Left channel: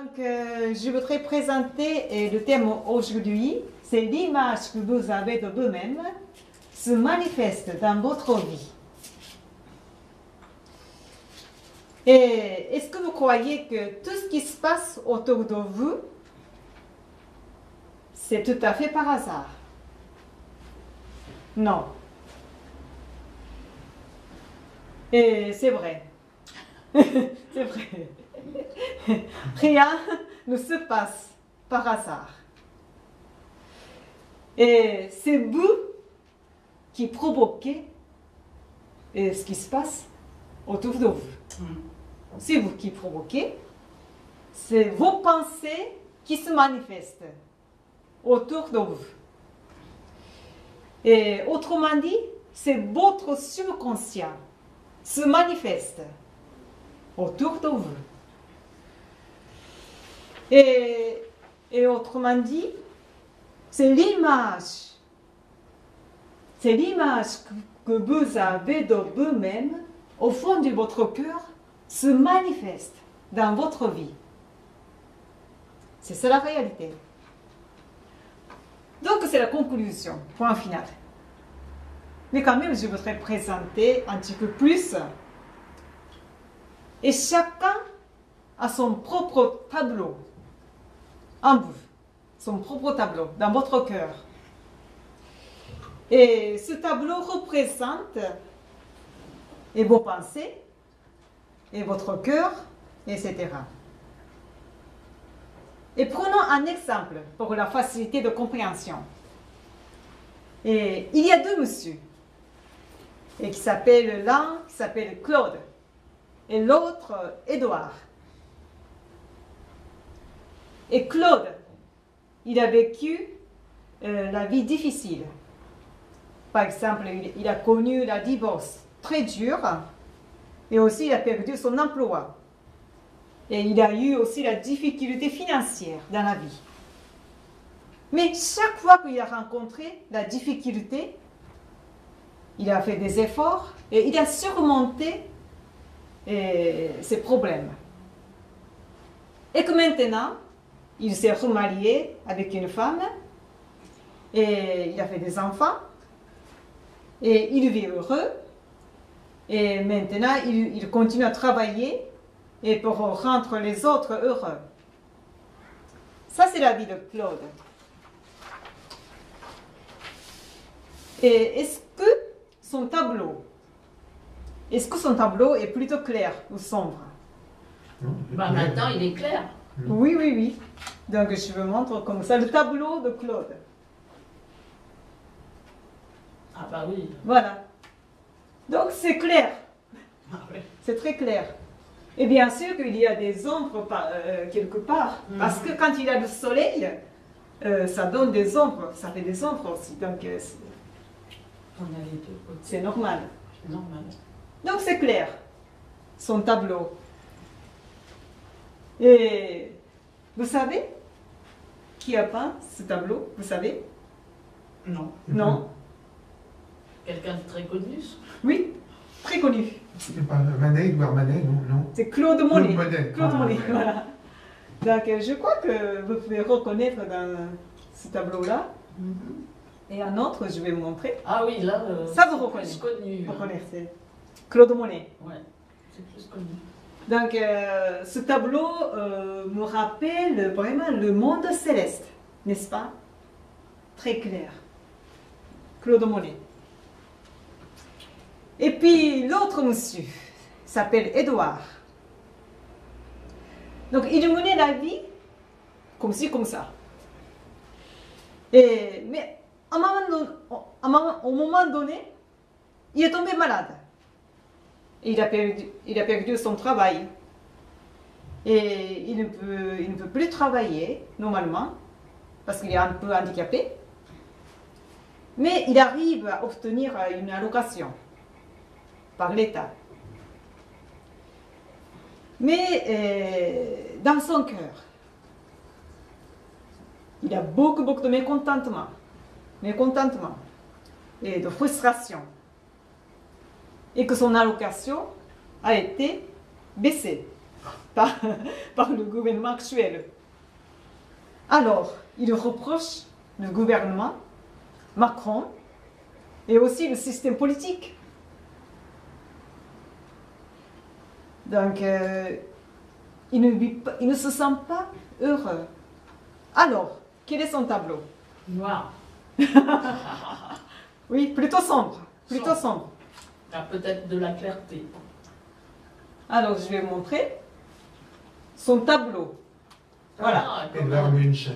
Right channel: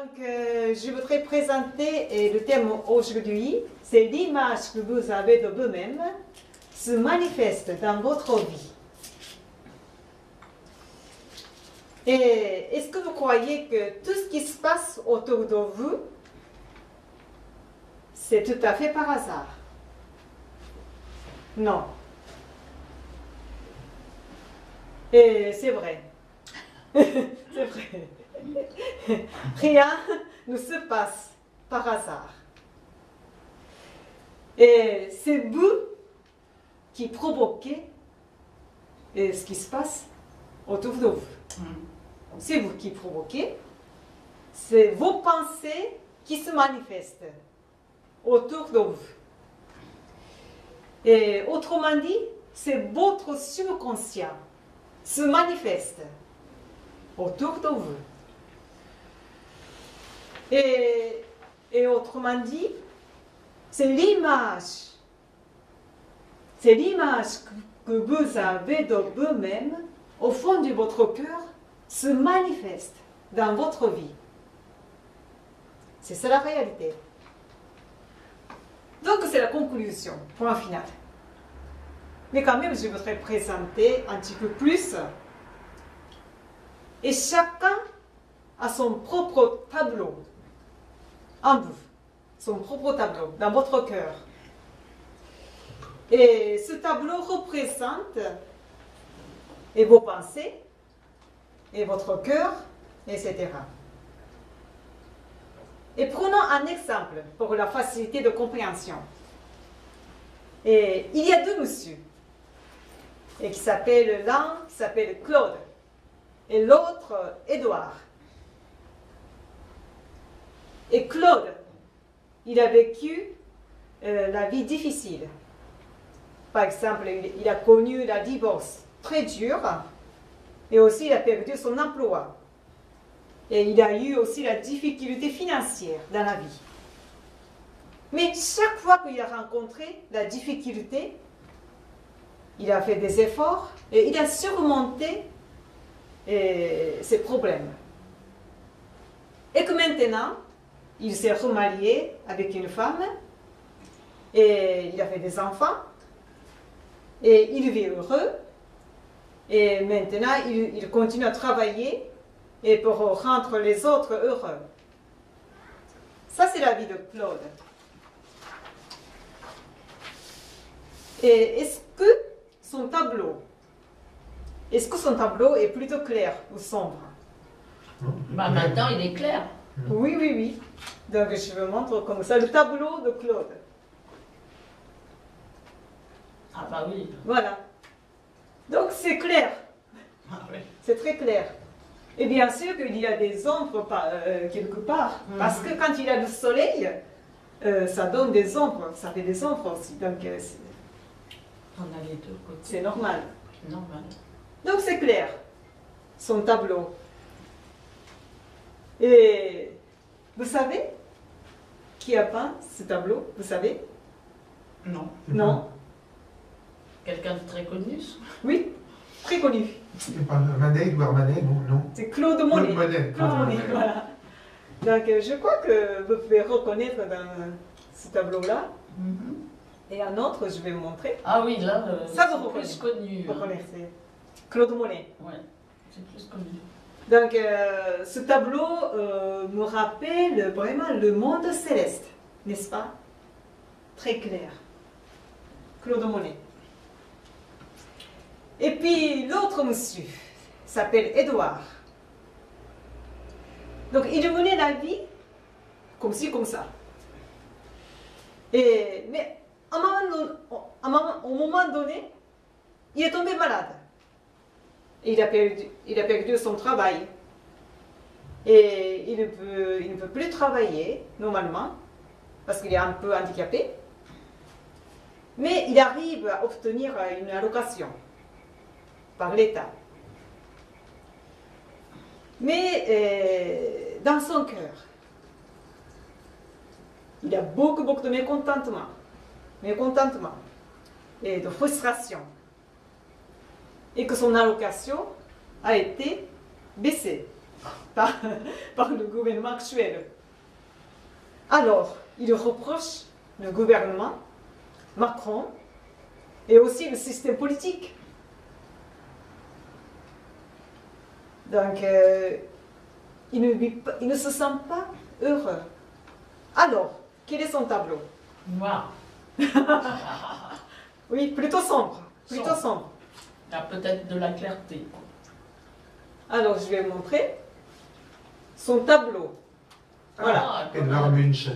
Donc, je voudrais présenter le thème aujourd'hui, c'est l'image que vous avez de vous-même se manifeste dans votre vie. Et est-ce que vous croyez que tout ce qui se passe autour de vous, c'est tout à fait par hasard? Non. Et c'est vrai. C'est vrai. Rien ne se passe par hasard. Et c'est vous qui provoquez ce qui se passe autour de vous. C'est vous qui provoquez. C'est vos pensées qui se manifestent autour de vous. Et autrement dit, c'est votre subconscient se manifeste autour de vous. Et autrement dit, c'est l'image que vous avez de vous-même au fond de votre cœur se manifeste dans votre vie. C'est ça la réalité. Donc c'est la conclusion, point final. Mais quand même, je voudrais présenter un petit peu plus. Et chacun a son propre tableau en vous, son propre tableau dans votre cœur. Et ce tableau représente et vos pensées, et votre cœur, etc. Et prenons un exemple pour la facilité de compréhension. Et il y a deux messieurs, et l'un qui s'appelle Claude, et l'autre Édouard. Et Claude, il a vécu la vie difficile. Par exemple, il a connu la divorce très dure, et aussi il a perdu son emploi. Et il a eu aussi la difficulté financière dans la vie. Mais chaque fois qu'il a rencontré la difficulté, il a fait des efforts et il a surmonté ses problèmes. Et que maintenant, il s'est remarié avec une femme et il a fait des enfants et il vit heureux. Et maintenant, il continue à travailler et pour rendre les autres heureux. Ça, c'est la vie de Claude. Et est-ce que son tableau est plutôt clair ou sombre? Bah, maintenant, il est clair. Oui, oui, oui. Donc, je vous montre comme ça le tableau de Claude. Ah bah oui. Voilà. Donc, c'est clair. Ah, oui. C'est très clair. Et bien sûr qu'il y a des ombres quelque part. Parce que quand il y a le soleil, ça donne des ombres. Ça fait des ombres aussi. Donc, On a les deux côtés. c'est normal. Normal. Donc, c'est clair. Son tableau. Et vous savez qui a peint ce tableau? Vous savez? Non. Non? Quelqu'un de très connu? Oui, très connu. C'est pas Manet, Edouard Manet, non? C'est Claude Monet. Claude Monet. Claude Monet, Monet. voilà. Donc, je crois que vous pouvez reconnaître dans ce tableau-là. Et un autre, je vais vous montrer. Ah oui, là, Ça, vous c'est reconnaissez. plus connu. Vous connaissez. Claude Monet. Ouais, c'est plus connu. Donc, ce tableau me rappelle vraiment le monde céleste, n'est-ce pas? Très clair. Claude Monet. Et puis, l'autre monsieur s'appelle Édouard. Donc, il menait la vie comme ci, comme ça. Mais au moment donné, il est tombé malade. Et il a perdu son travail. Et il ne peut plus travailler normalement parce qu'il est un peu handicapé. Mais il arrive à obtenir une allocation par l'État. Mais dans son cœur, il a beaucoup de mécontentement et de frustration. Et que son allocation a été baissée. par, par le gouvernement actuel. Alors, il reproche le gouvernement, Macron, et aussi le système politique. Donc, il ne se sent pas heureux. Alors, quel est son tableau? Noir. Oui, plutôt sombre. Plutôt sombre. Il y a peut-être de la clarté. Alors, je vais vous montrer son tableau. Voilà. Ah, quand Edvard même. Munch.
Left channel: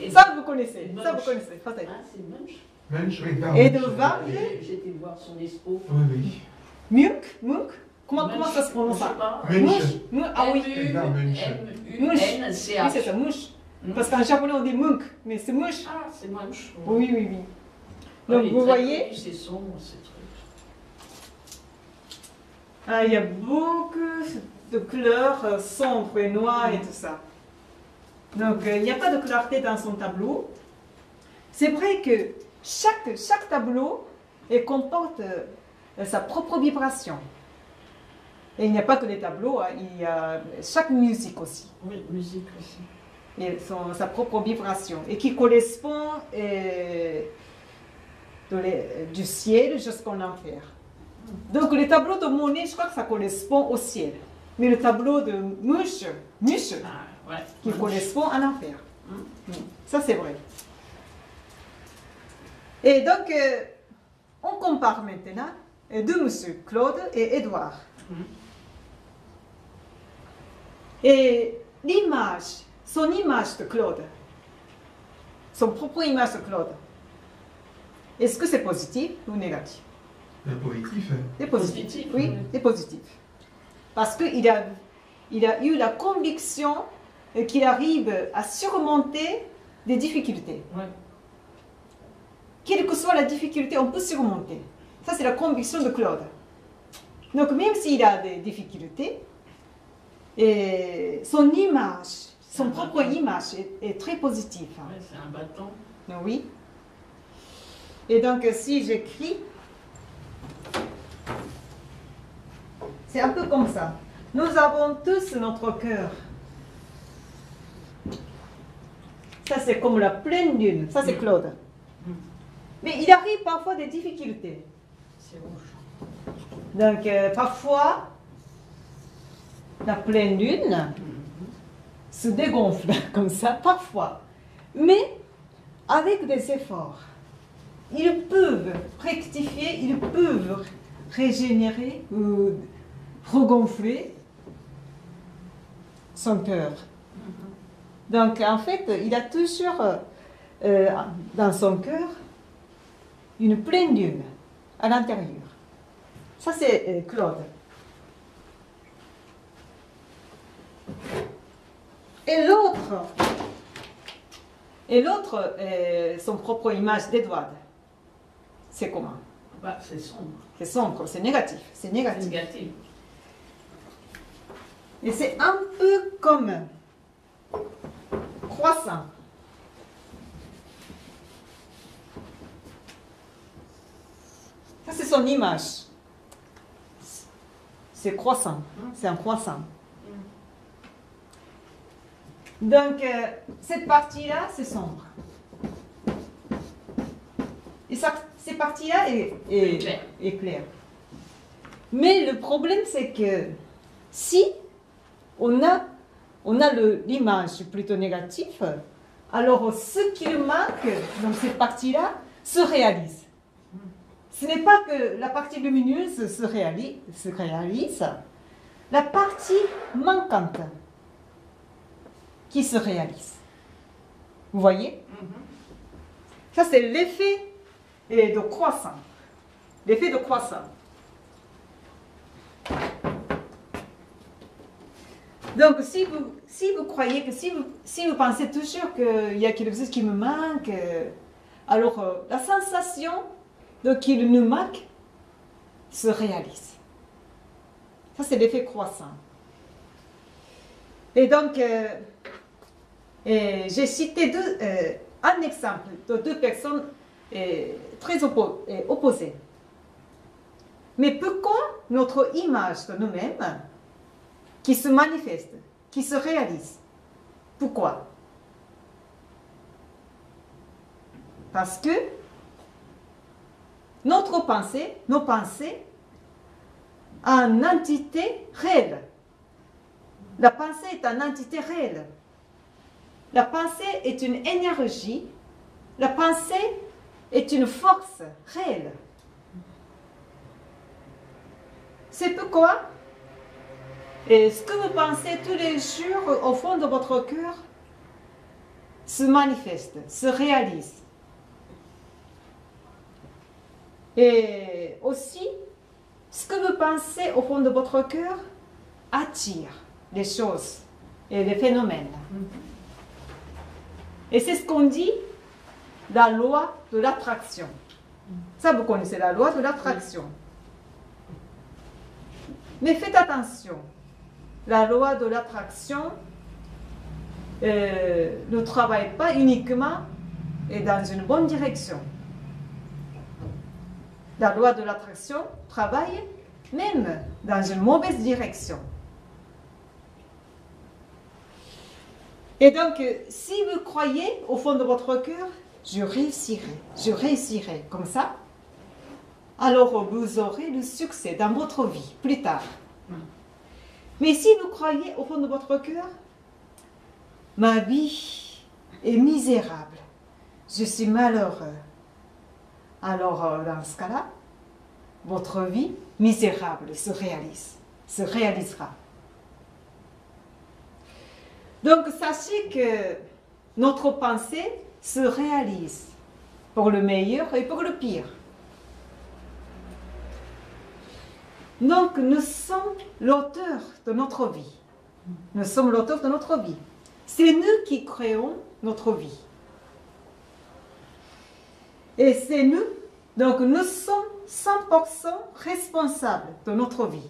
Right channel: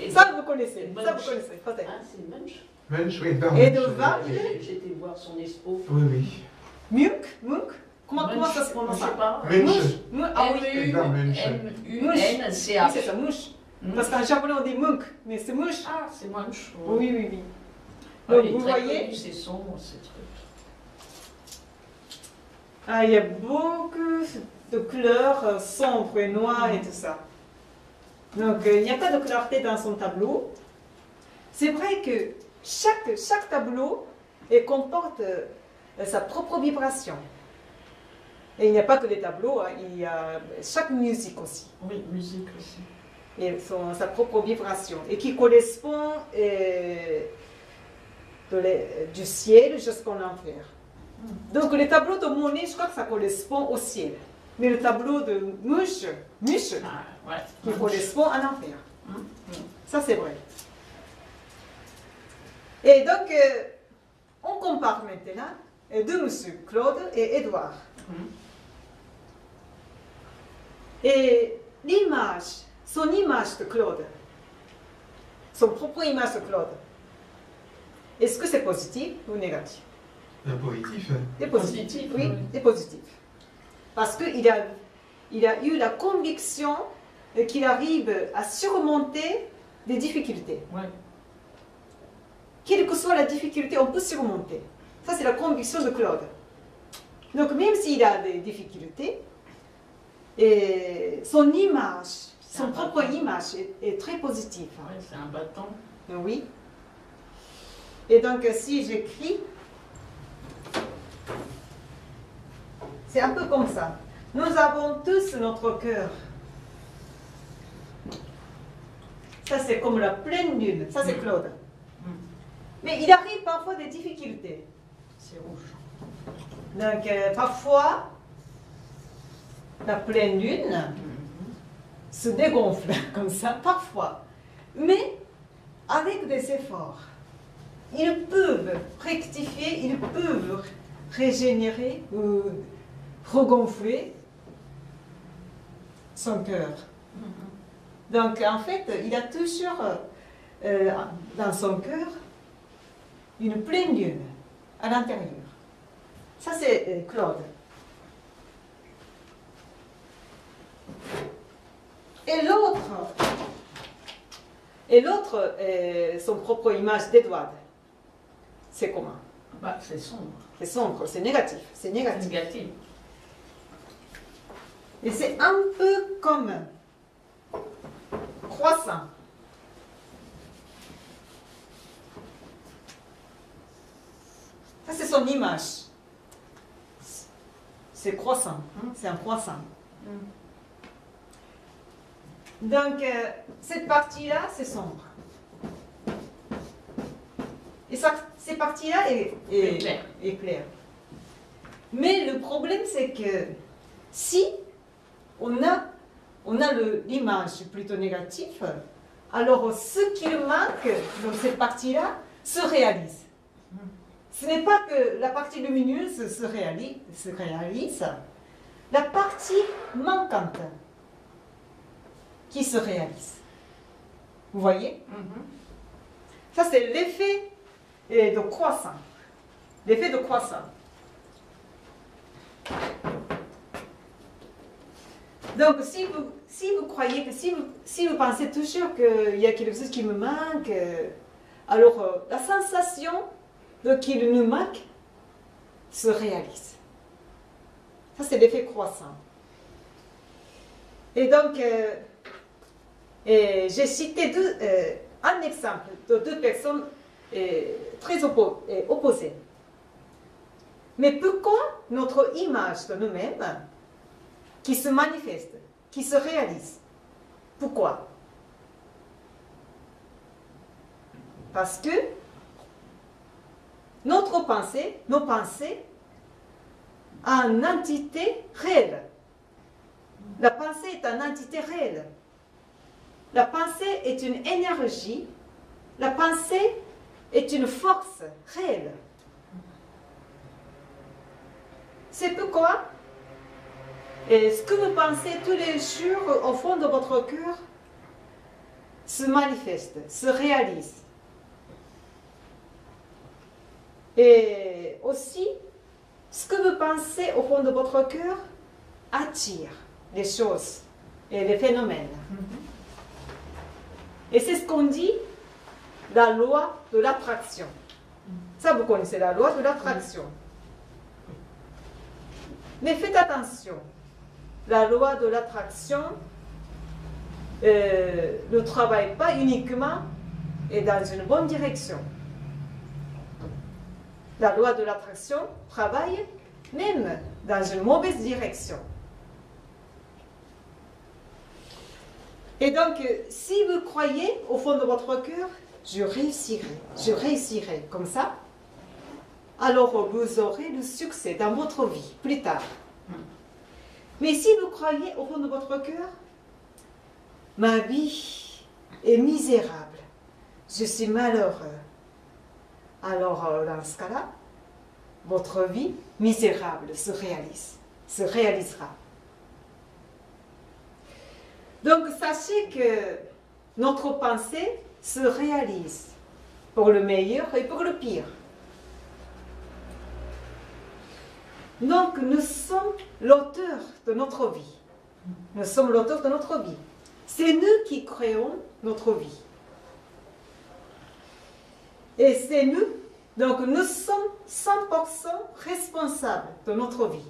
Et- Ça, vous connaissez. Munch. Ça, vous connaissez. Peut-être. Ah, c'est Munch. Munch, Edvard Et Munch. de Var- J'ai été voir son expo. Oui, oui. Munch. Comment ça se prononce Je sais ça? pas. Munch. Ah oui. Edvard Munch. Oui, c'est M-U-N-C-H. ça, Munch. Parce qu'en japonais, on dit Munch, mais c'est Munch. Ah, c'est Munch. Oui, oui, oui. Ah, Donc, il est vous très voyez, connu, c'est sombre, ces trucs. ah, il y a beaucoup de couleurs sombres et noires et tout ça. Donc, il n'y a pas de clarté dans son tableau. C'est vrai que chaque tableau comporte sa propre vibration. Et il n'y a pas que des tableaux, hein, il y a chaque musique aussi. Oui, musique aussi. Et sa propre vibration. Et qui correspond du ciel jusqu'en enfer. Donc le tableau de Monet, je crois que ça correspond au ciel. Mais le tableau de Munch, Ah, ouais. qui Munch. correspond à l'enfer. Ça, c'est vrai. Et donc, on compare maintenant deux monsieur, Claude et Édouard. Et l'image, son image de Claude, son propre image de Claude, est-ce que c'est positif ou négatif? Positif. C'est positif. Positif, Oui, oui. c'est positif. Parce qu'il a eu la conviction qu'il arrive à surmonter des difficultés. Ouais. Quelle que soit la difficulté, on peut surmonter. Ça, c'est la conviction de Claude. Donc, même s'il a des difficultés, son image, son propre image est très positive. Ouais, c'est un bâton. Oui. Et donc, si j'écris, c'est un peu comme ça. Nous avons tous notre cœur. Ça, c'est comme la pleine lune. Ça, c'est Claude. Mais il arrive parfois des difficultés. C'est rouge. Donc, parfois, la pleine lune se dégonfle comme ça, parfois. Mais avec des efforts, ils peuvent rectifier, ils peuvent régénérer ou regonfler son cœur. Donc, en fait, il a toujours dans son cœur une pleine lune à l'intérieur. Ça, c'est Claude. Et l'autre, son propre image d'Edouard. C'est comment? Bah, c'est sombre. C'est sombre, c'est négatif. C'est C'est négatif. négatif. Et c'est un peu comme croissant. Ça, c'est son image. C'est croissant. C'est un croissant. Donc, cette partie-là, c'est sombre. Et cette partie-là est claire. Mais le problème, c'est que si on a l'image plutôt négative, alors ce qui manque dans cette partie-là se réalise. Ce n'est pas que la partie lumineuse se réalise, la partie manquante qui se réalise. Vous voyez? Ça, c'est l'effet de croissant. L'effet de croissant. Donc, si vous croyez que, si vous pensez toujours qu'il y a quelque chose qui me manque, alors la sensation qu'il nous manque se réalise. Ça, c'est l'effet croissant. Et donc, j'ai cité un exemple de deux personnes très opposées. Mais pourquoi notre image de nous-mêmes qui se manifeste, qui se réalise. Pourquoi? Parce que nos pensées, ont une entité réelle. La pensée est une entité réelle. La pensée est une énergie. La pensée est une force réelle. C'est pourquoi ce que vous pensez tous les jours au fond de votre cœur se manifeste, se réalise. Et aussi, ce que vous pensez au fond de votre cœur attire les choses et les phénomènes. Et c'est ce qu'on dit, la loi de l'attraction. Ça, vous connaissez la loi de l'attraction. Mais faites attention, la loi de l'attraction ne travaille pas uniquement et dans une bonne direction. La loi de l'attraction travaille même dans une mauvaise direction. Et donc, si vous croyez au fond de votre cœur, je réussirai comme ça, alors vous aurez le succès dans votre vie plus tard. Mais si vous croyez au fond de votre cœur, ma vie est misérable, je suis malheureux, alors dans ce cas-là, votre vie misérable se réalisera. Donc sachez que notre pensée se réalise pour le meilleur et pour le pire. Donc nous sommes l'auteur de notre vie. Nous sommes l'auteur de notre vie. C'est nous qui créons notre vie. Et c'est nous, donc nous sommes 100% responsables de notre vie.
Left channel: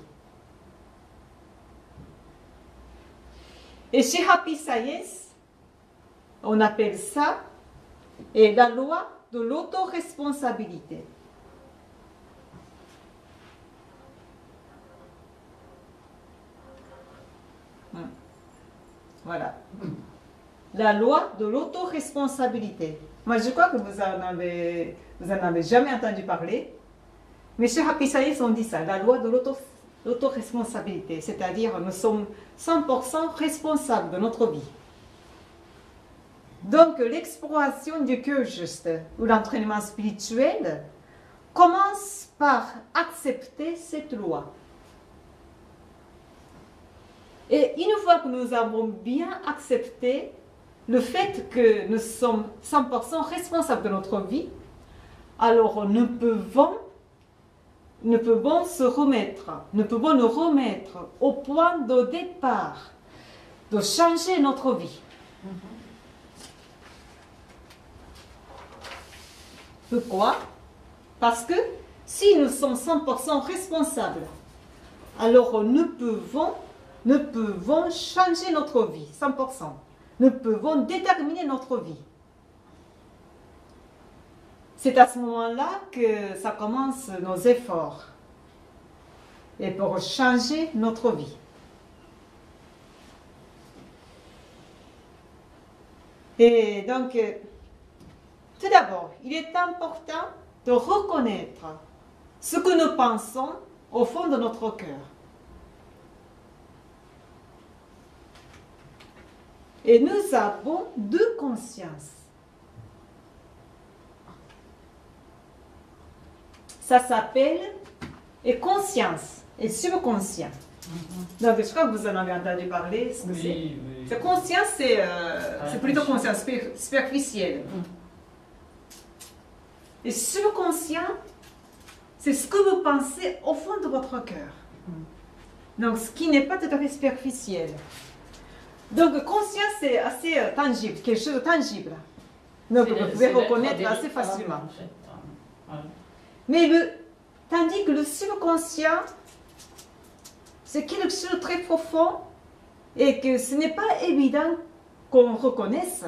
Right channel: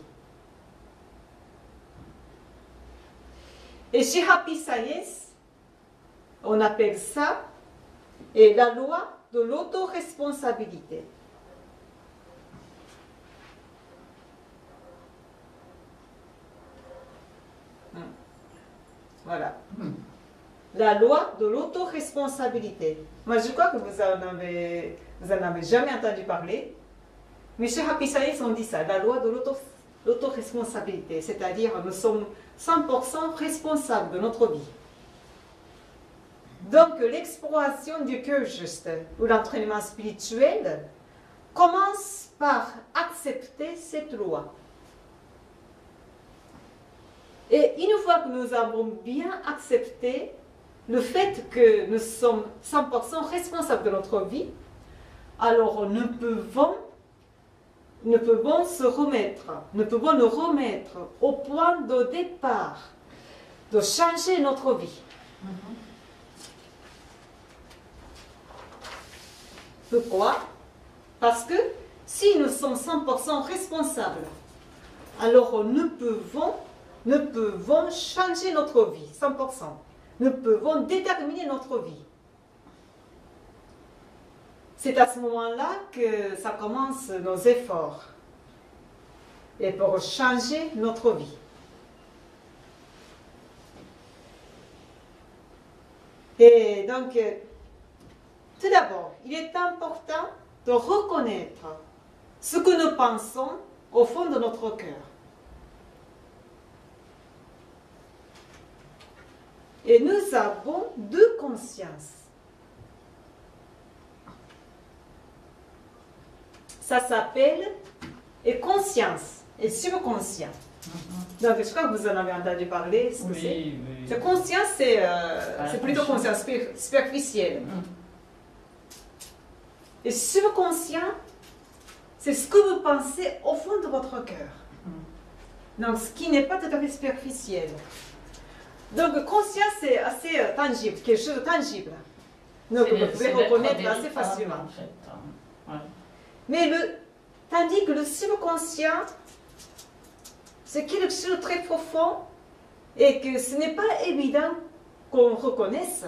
Et chez Happy Science, on appelle ça la loi de l'autoresponsabilité. Voilà. La loi de l'autoresponsabilité. Moi, je crois que vous en avez jamais entendu parler. Mais chez Happy Science, on dit ça, la loi de l'autoresponsabilité. C'est-à-dire, nous sommes 100% responsables de notre vie. Donc, l'exploration du cœur juste, ou l'entraînement spirituel, commence par accepter cette loi. Et une fois que nous avons bien accepté le fait que nous sommes 100% responsables de notre vie, alors nous pouvons nous remettre au point de départ de changer notre vie. Pourquoi? Parce que si nous sommes 100% responsables, alors nous pouvons changer notre vie, 100%. Nous pouvons déterminer notre vie. C'est à ce moment-là que ça commence nos efforts. Et pour changer notre vie. Et donc, tout d'abord, il est important de reconnaître ce que nous pensons au fond de notre cœur. Et nous avons deux consciences. Ça s'appelle conscience et subconscient. Donc, je crois que vous en avez entendu parler. Ce que Oui. c'est. Conscience, c'est plutôt conscience superficielle. Et subconscient, c'est ce que vous pensez au fond de votre cœur. Donc, ce qui n'est pas tout à fait superficiel. Donc, conscience, c'est assez tangible, quelque chose de tangible. Donc, vous pouvez reconnaître assez facilement. En fait. Ouais. Mais tandis que le subconscient, c'est quelque chose de très profond et que ce n'est pas évident qu'on reconnaisse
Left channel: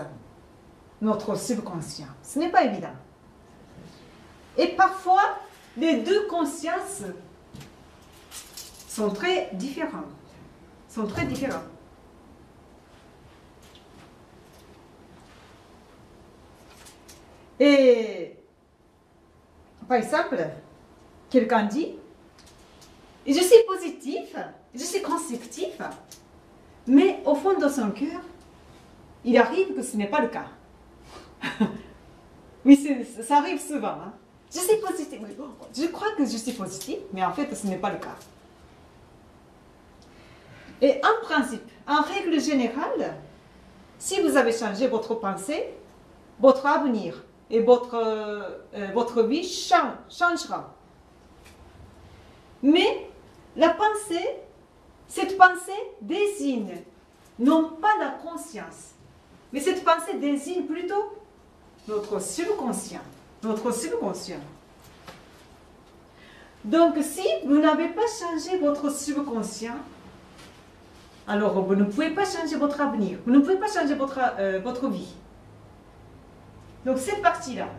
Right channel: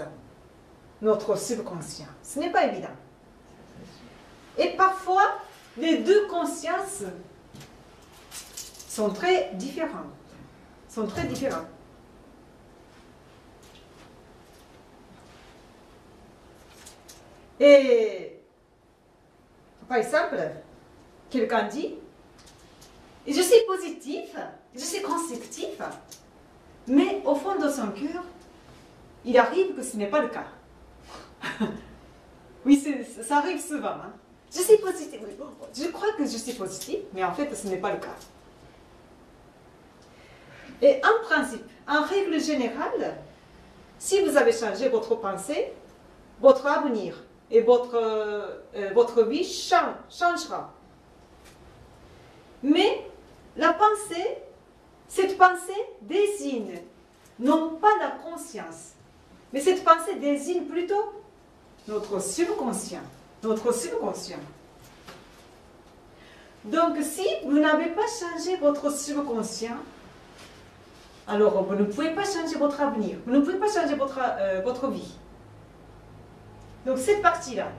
notre subconscient. Ce n'est pas évident. Et parfois, les deux consciences sont très différentes. sont très différents. Et par exemple, quelqu'un dit, je suis positif, je suis constructif, mais au fond de son cœur, il arrive que ce n'est pas le cas. Oui, ça arrive souvent. Hein. Je suis positif, je crois que je suis positif, mais en fait, ce n'est pas le cas. Et en principe, en règle générale, si vous avez changé votre pensée, votre avenir et votre vie changera. Mais la pensée, cette pensée désigne non pas la conscience, mais cette pensée désigne plutôt notre subconscient. Notre subconscient. Donc si vous n'avez pas changé votre subconscient, alors vous ne pouvez pas changer votre avenir, vous ne pouvez pas changer votre vie. Donc cette partie-là,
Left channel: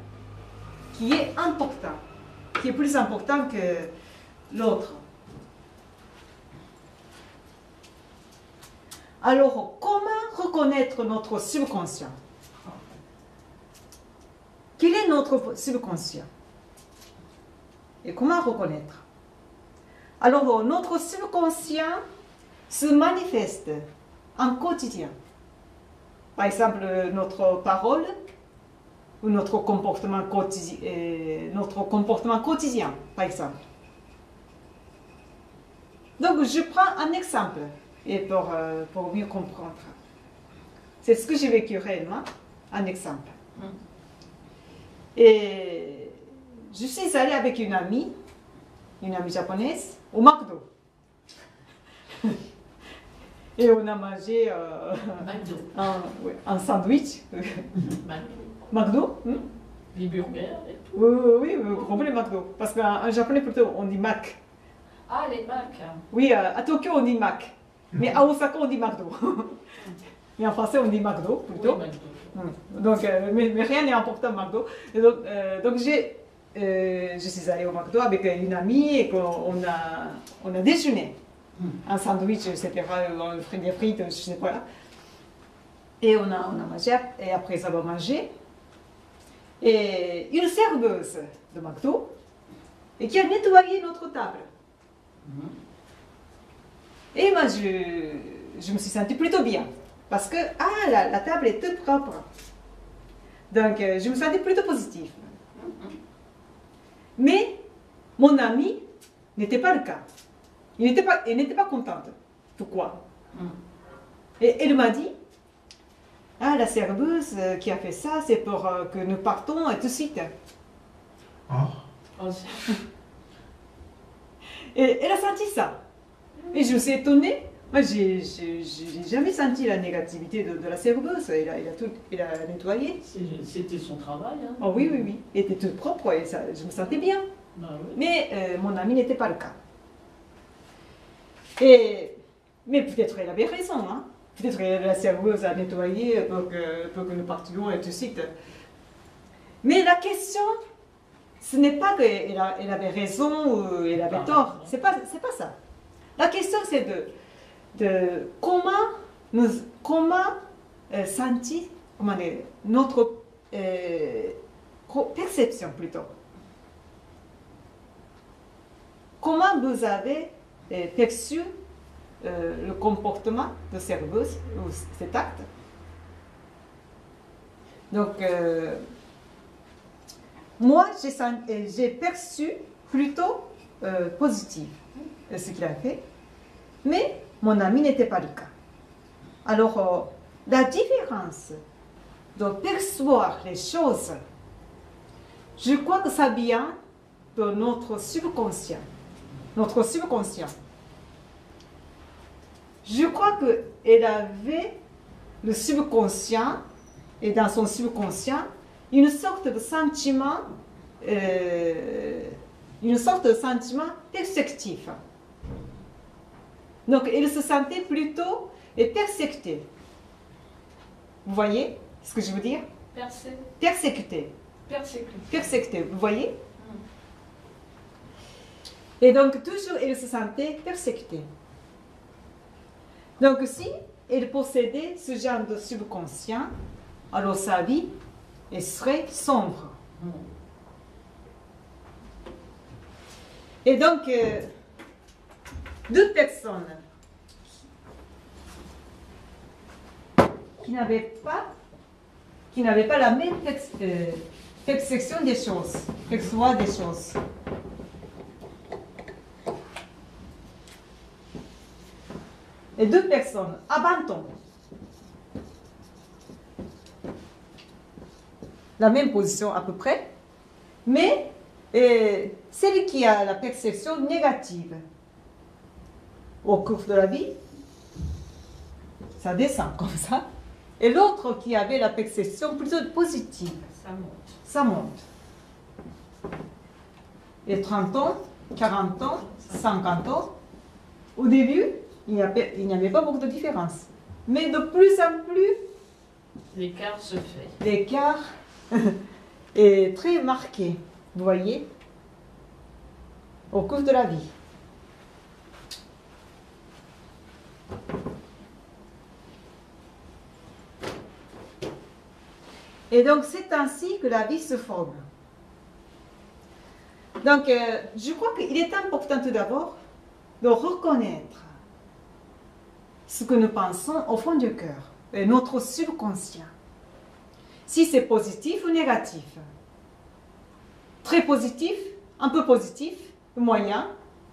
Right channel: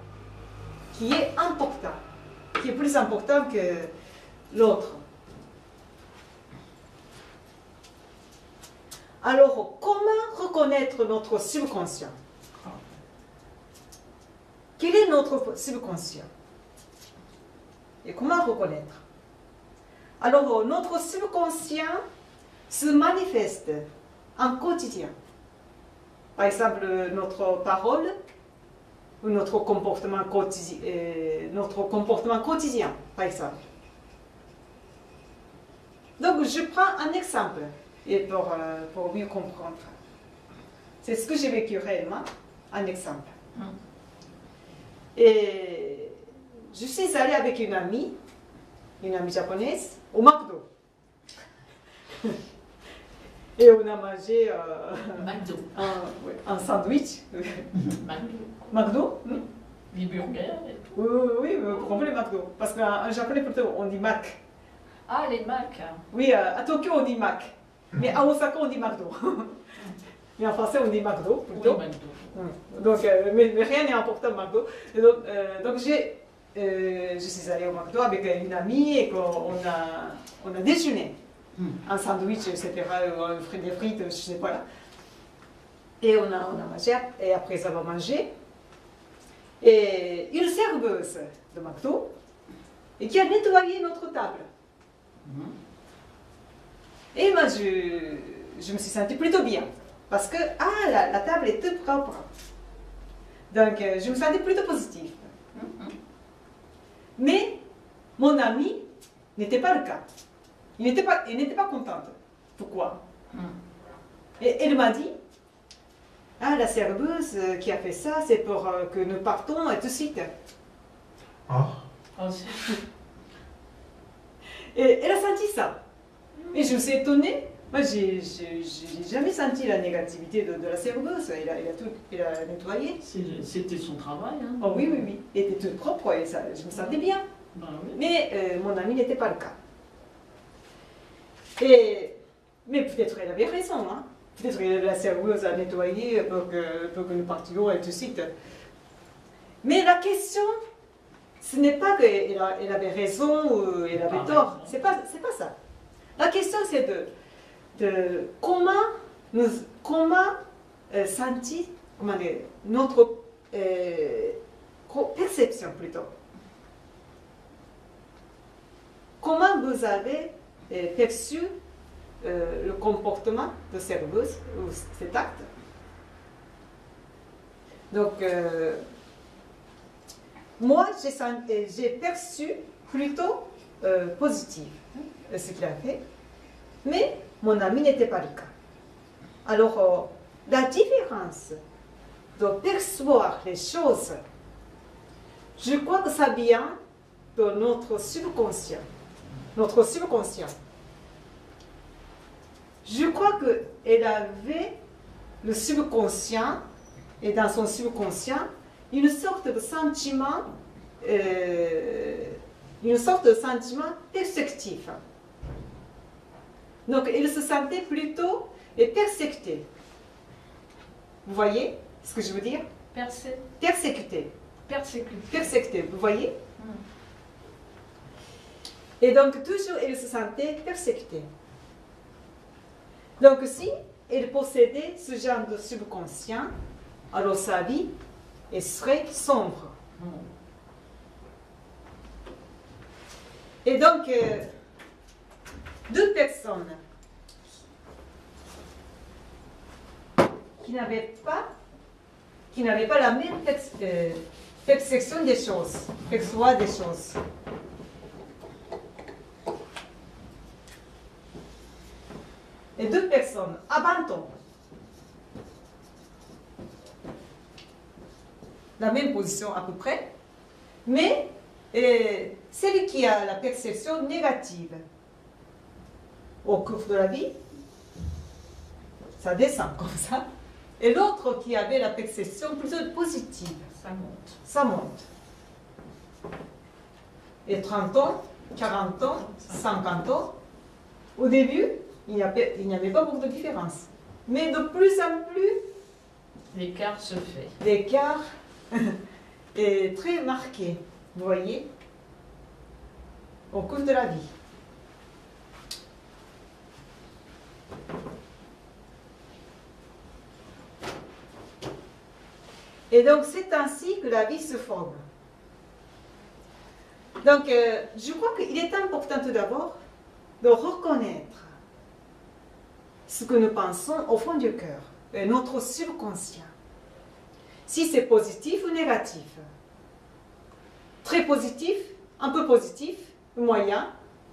qui est importante, qui est plus importante que l'autre. Alors, comment reconnaître notre subconscient? Quel est notre subconscient? Et comment reconnaître? Alors, notre subconscient se manifeste en quotidien. Par exemple, notre parole ou notre comportement quotidien, par exemple. Donc, je prends un exemple et pour mieux comprendre. C'est ce que j'ai vécu réellement, un exemple. Et je suis allée avec une amie japonaise, au McDo. Et on a mangé un sandwich. McDo. Des burgers et tout. Oui, vous comprenez McDo. Parce qu'en japonais, plutôt, on dit Mac. Ah, les Mac. Oui, à Tokyo, on dit Mac. Mais à Osaka, on dit McDo. Mais en français, on dit McDo, plutôt. Oui, McDo. Donc, mais rien n'est important au McDo. Et donc je suis allée au McDo avec une amie et on a déjeuné. Un sandwich, etc., des frites, je ne sais pas. Et on a mangé, et après avoir mangé, et une serveuse de McDo et qui a nettoyé notre table. Et moi, je me suis sentie plutôt bien. Parce que la table est toute propre. Donc, je me sentais plutôt positive. Mais mon amie n'était pas le cas. Elle n'était pas contente. Pourquoi? Et elle m'a dit, la serveuse qui a fait ça, c'est pour que nous partons tout de suite. Et elle a senti ça. Et je me suis étonnée. Moi, j'ai jamais senti la négativité de la serveuse. Elle a nettoyé. C'était son travail. Hein. Oh, oui. Elle était toute propre et ça, je me sentais bien. Ben, oui. Mais mon ami n'était pas le cas. Mais peut-être elle avait raison. Hein. Peut-être que la serveuse a nettoyé pour que nous partions et tout de suite. Mais la question, ce n'est pas qu'elle avait raison ou elle avait tort. C'est pas ça. La question, c'est de comment sentir notre perception plutôt. Comment vous avez perçu le comportement de serveuse ou cet acte? Donc, moi, j'ai perçu plutôt positif ce qu'il a fait, mais mon ami n'était pas le cas. Alors, la différence de percevoir les choses, je crois que ça vient de notre subconscient. Notre subconscient. Je crois qu'elle avait le subconscient, et dans son subconscient, une sorte de sentiment perceptif. Donc, elle se sentait plutôt persécutée. Vous voyez ce que je veux dire? Persécutée. Persécutée, vous voyez? Et donc, toujours, elle se sentait persécutée. Donc si il possédait ce genre de subconscient, alors sa vie elle serait sombre. Et donc, deux personnes qui n'avaient pas la même perception des choses, perçoivent des choses. Et deux personnes abandonnent la même position à peu près, mais celle qui a la perception négative au cours de la vie, ça descend comme ça, et l'autre qui avait la perception plutôt positive, ça monte. Et 30 ans, 40 ans, 50 ans, au début, il n'y avait pas beaucoup de différence. Mais de plus en plus, l'écart se fait. L'écart est très marqué, vous voyez, au cours de la vie. Et donc, c'est ainsi que la vie se forme. Donc, je crois qu'il est important tout d'abord de reconnaître ce que nous pensons au fond du cœur, notre subconscient. Si c'est positif ou négatif. Très positif, un peu positif, moyen,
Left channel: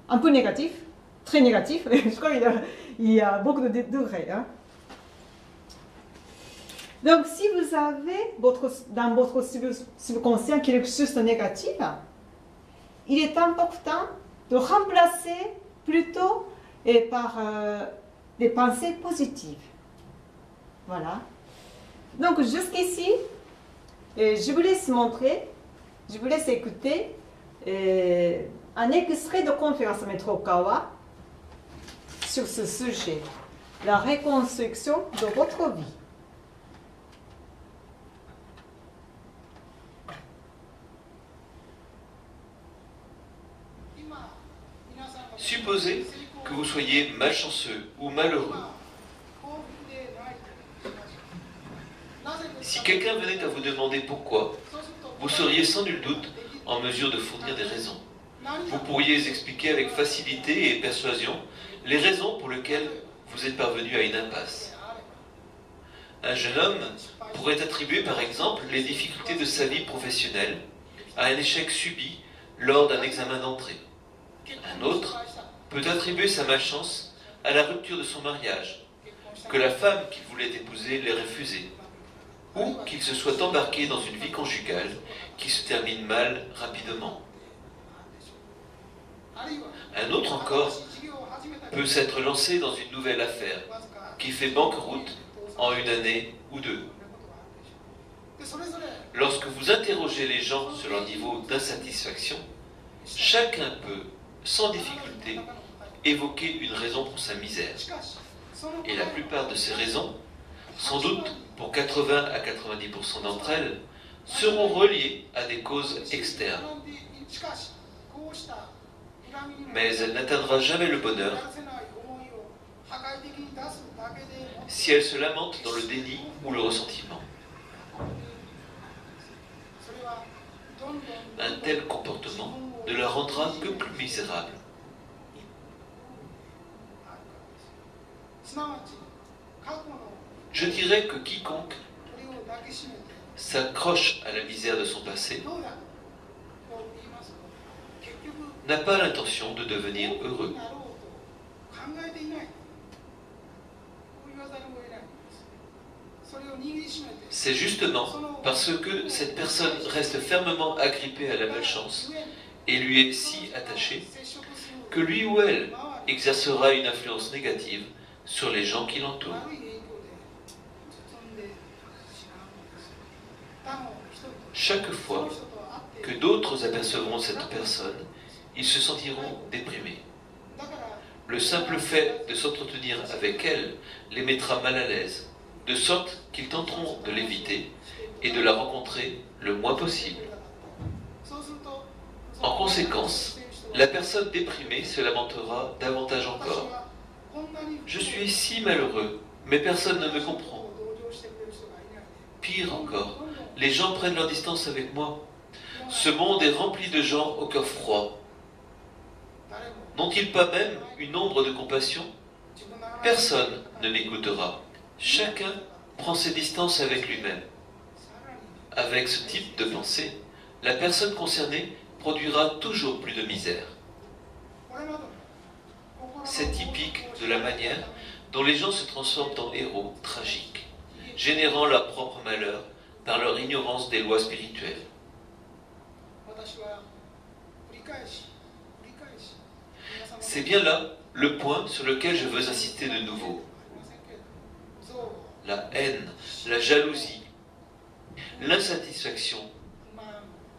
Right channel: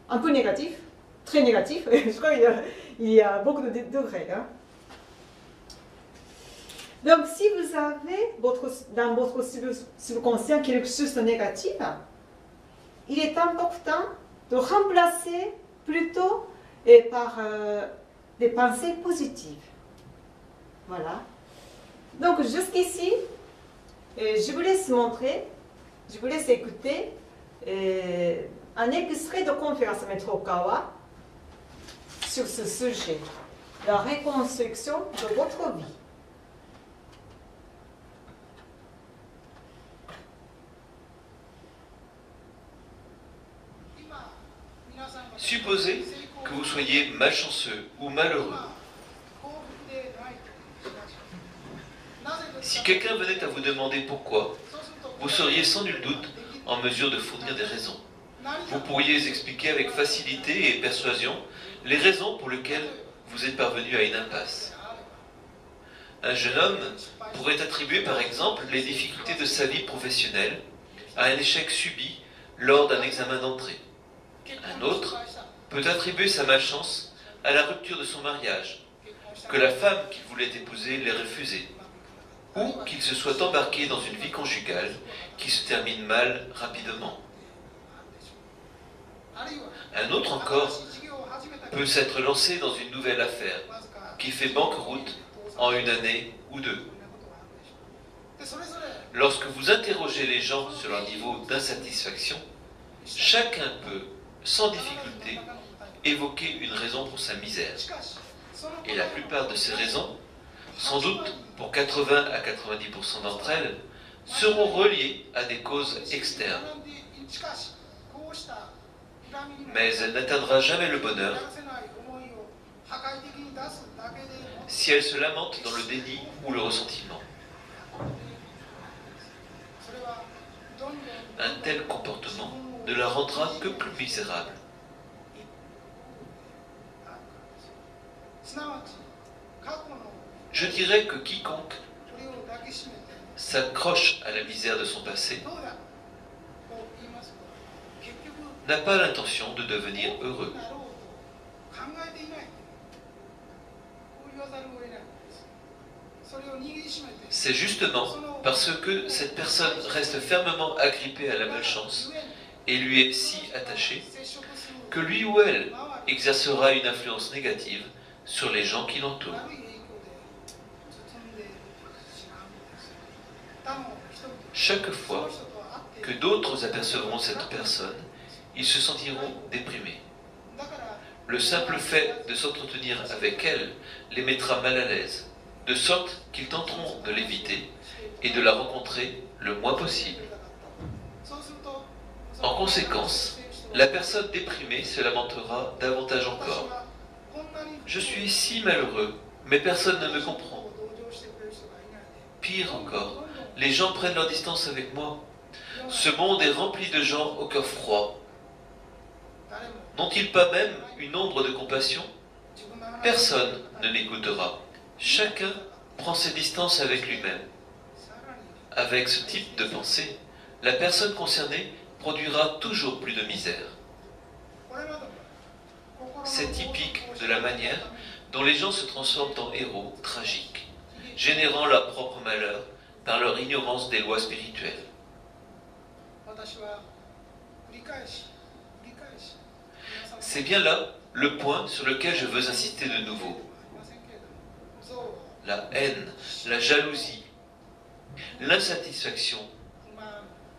un peu négatif, très négatif. Je crois qu'il y a beaucoup de degrés. Hein. Donc, si vous avez dans votre subconscient quelque chose de négatif, il est important de remplacer plutôt par des pensées positives. Voilà. Donc, jusqu'ici, je vous laisse montrer, je vous laisse écouter un extrait de conférence Maître Okawa sur ce sujet, la reconstruction de votre vie. Supposez que vous soyez malchanceux ou malheureux. Si quelqu'un venait à vous demander pourquoi, vous seriez sans nul doute en mesure de fournir des raisons. Vous pourriez expliquer avec facilité et persuasion les raisons pour lesquelles vous êtes parvenu à une impasse. Un jeune homme pourrait attribuer par exemple les difficultés de sa vie professionnelle à un échec subi lors d'un examen d'entrée. Un autre peut attribuer sa malchance à la rupture de son mariage, que la femme qu'il voulait épouser l'ait refusée, ou qu'il se soit embarqué dans une vie conjugale qui se termine mal rapidement. Un autre encore peut s'être lancé dans une nouvelle affaire qui fait banqueroute en une année ou deux. Lorsque vous interrogez les gens sur leur niveau d'insatisfaction, chacun peut, sans difficulté, évoquer une raison pour sa misère. Et la plupart de ces raisons, sans doute pour 80 à 90% d'entre elles, seront reliées à des causes externes. Mais elle n'atteindra jamais le bonheur si elle se lamente dans le déni ou le ressentiment. Un tel comportement ne la rendra que plus misérable. Je dirais que quiconque s'accroche à la misère de son passé n'a pas l'intention de devenir heureux. C'est justement parce que cette personne reste fermement agrippée à la malchance et lui est si attachée que lui ou elle exercera une influence négative sur les gens qui l'entourent. Chaque fois que d'autres apercevront cette personne, ils se sentiront déprimés. Le simple fait de s'entretenir avec elle les mettra mal à l'aise, de sorte qu'ils tenteront de l'éviter et de la rencontrer le moins possible. En conséquence, la personne déprimée se lamentera davantage encore, Je suis si malheureux, mais personne ne me comprend. Pire encore, les gens prennent leur distance avec moi. Ce monde est rempli de gens au cœur froid. N'ont-ils pas même une ombre de compassion? Personne ne m'écoutera. Chacun prend ses distances avec lui-même. Avec ce type de pensée, la personne concernée produira toujours plus de misère. C'est typique de la manière dont les gens se transforment en héros tragiques, générant leur propre malheur par leur ignorance des lois spirituelles. C'est bien là le point sur lequel je veux insister de nouveau. La haine, la jalousie, l'insatisfaction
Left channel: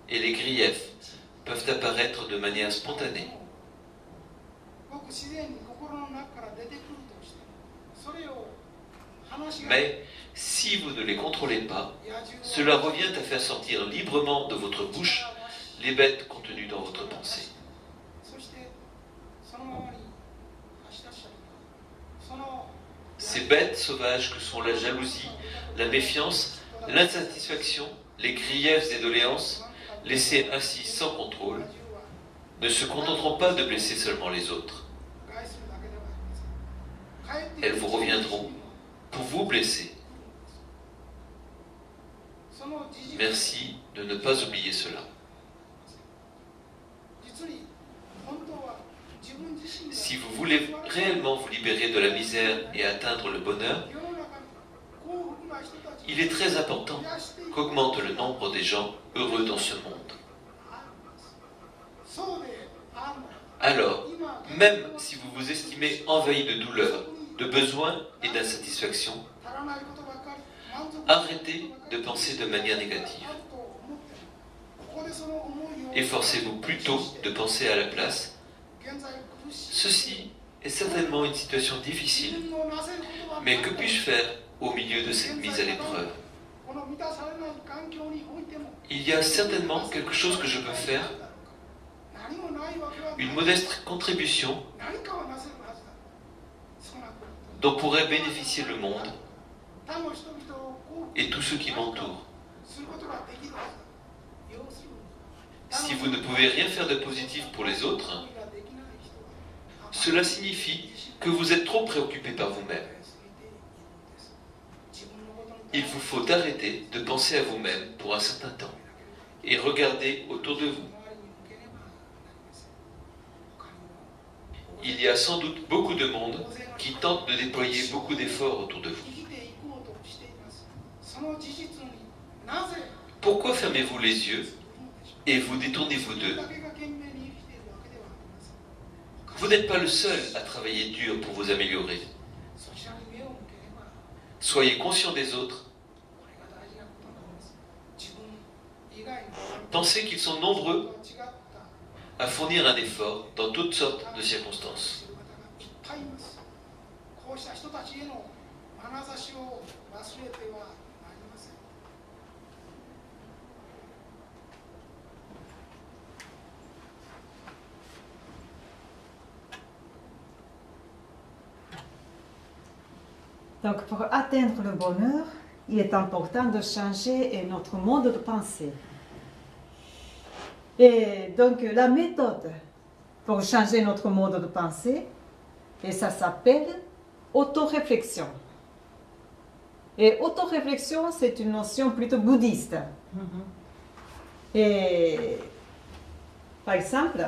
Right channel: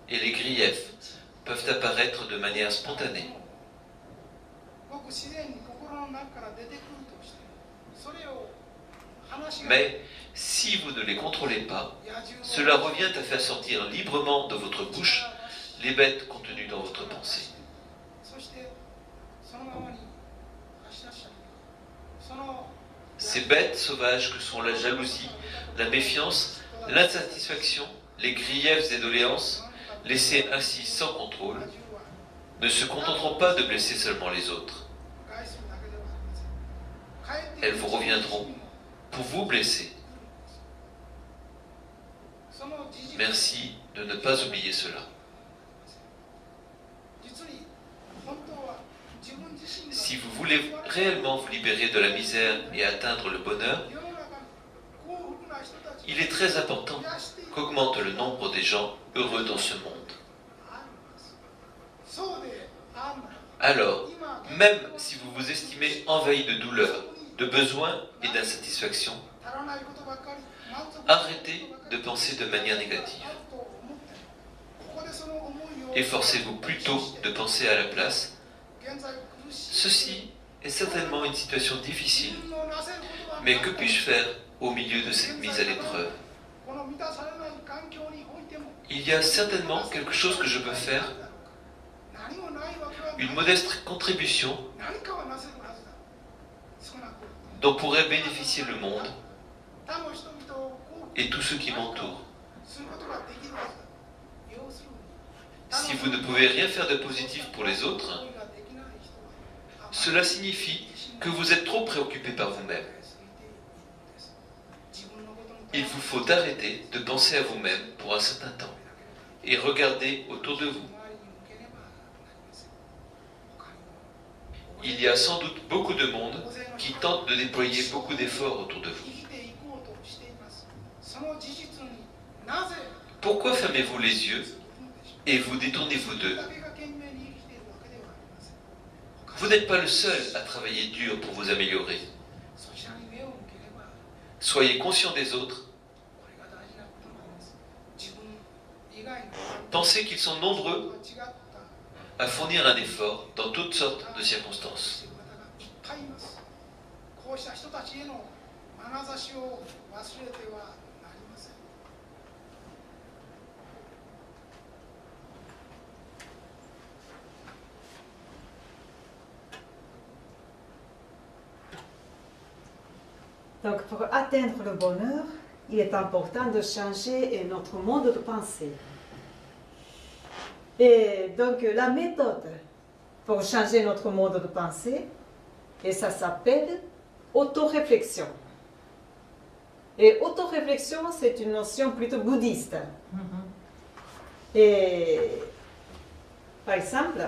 et les griefs peuvent apparaître de manière spontanée. Mais si vous ne les contrôlez pas, cela revient à faire sortir librement de votre bouche les bêtes contenues dans votre pensée. Ces bêtes sauvages que sont la jalousie, la méfiance, l'insatisfaction, les griefs et doléances, laissées ainsi sans contrôle, ne se contenteront pas de blesser seulement les autres. Elles vous reviendront pour vous blesser. Merci de ne pas oublier cela. Si vous voulez réellement vous libérer de la misère et atteindre le bonheur, il est très important qu'augmente le nombre des gens heureux dans ce monde. Alors, même si vous vous estimez envahi de douleur, de besoins et d'insatisfaction, arrêtez de penser de manière négative. Efforcez-vous plutôt de penser à la place. Ceci est certainement une situation difficile, mais que puis-je faire au milieu de cette mise à l'épreuve? Il y a certainement quelque chose que je peux faire, une modeste contribution dont pourrait bénéficier le monde et tous ceux qui m'entourent. Si vous ne pouvez rien faire de positif pour les autres, cela signifie que vous êtes trop préoccupé par vous-même. Il vous faut arrêter de penser à vous-même pour un certain temps et regarder autour de vous. Il y a sans doute beaucoup de monde qui tente de déployer beaucoup d'efforts autour de vous. Pourquoi fermez-vous les yeux et vous détournez-vous d'eux? Vous n'êtes pas le seul à travailler dur pour vous améliorer. Soyez conscient des autres. Pensez qu'ils sont nombreux à fournir un effort dans toutes sortes de circonstances. Donc, pour atteindre le bonheur, il est important de changer notre mode de pensée. Et donc, la méthode pour changer notre mode de pensée, et ça s'appelle autoréflexion. Et autoréflexion, c'est une notion plutôt bouddhiste. Et par exemple,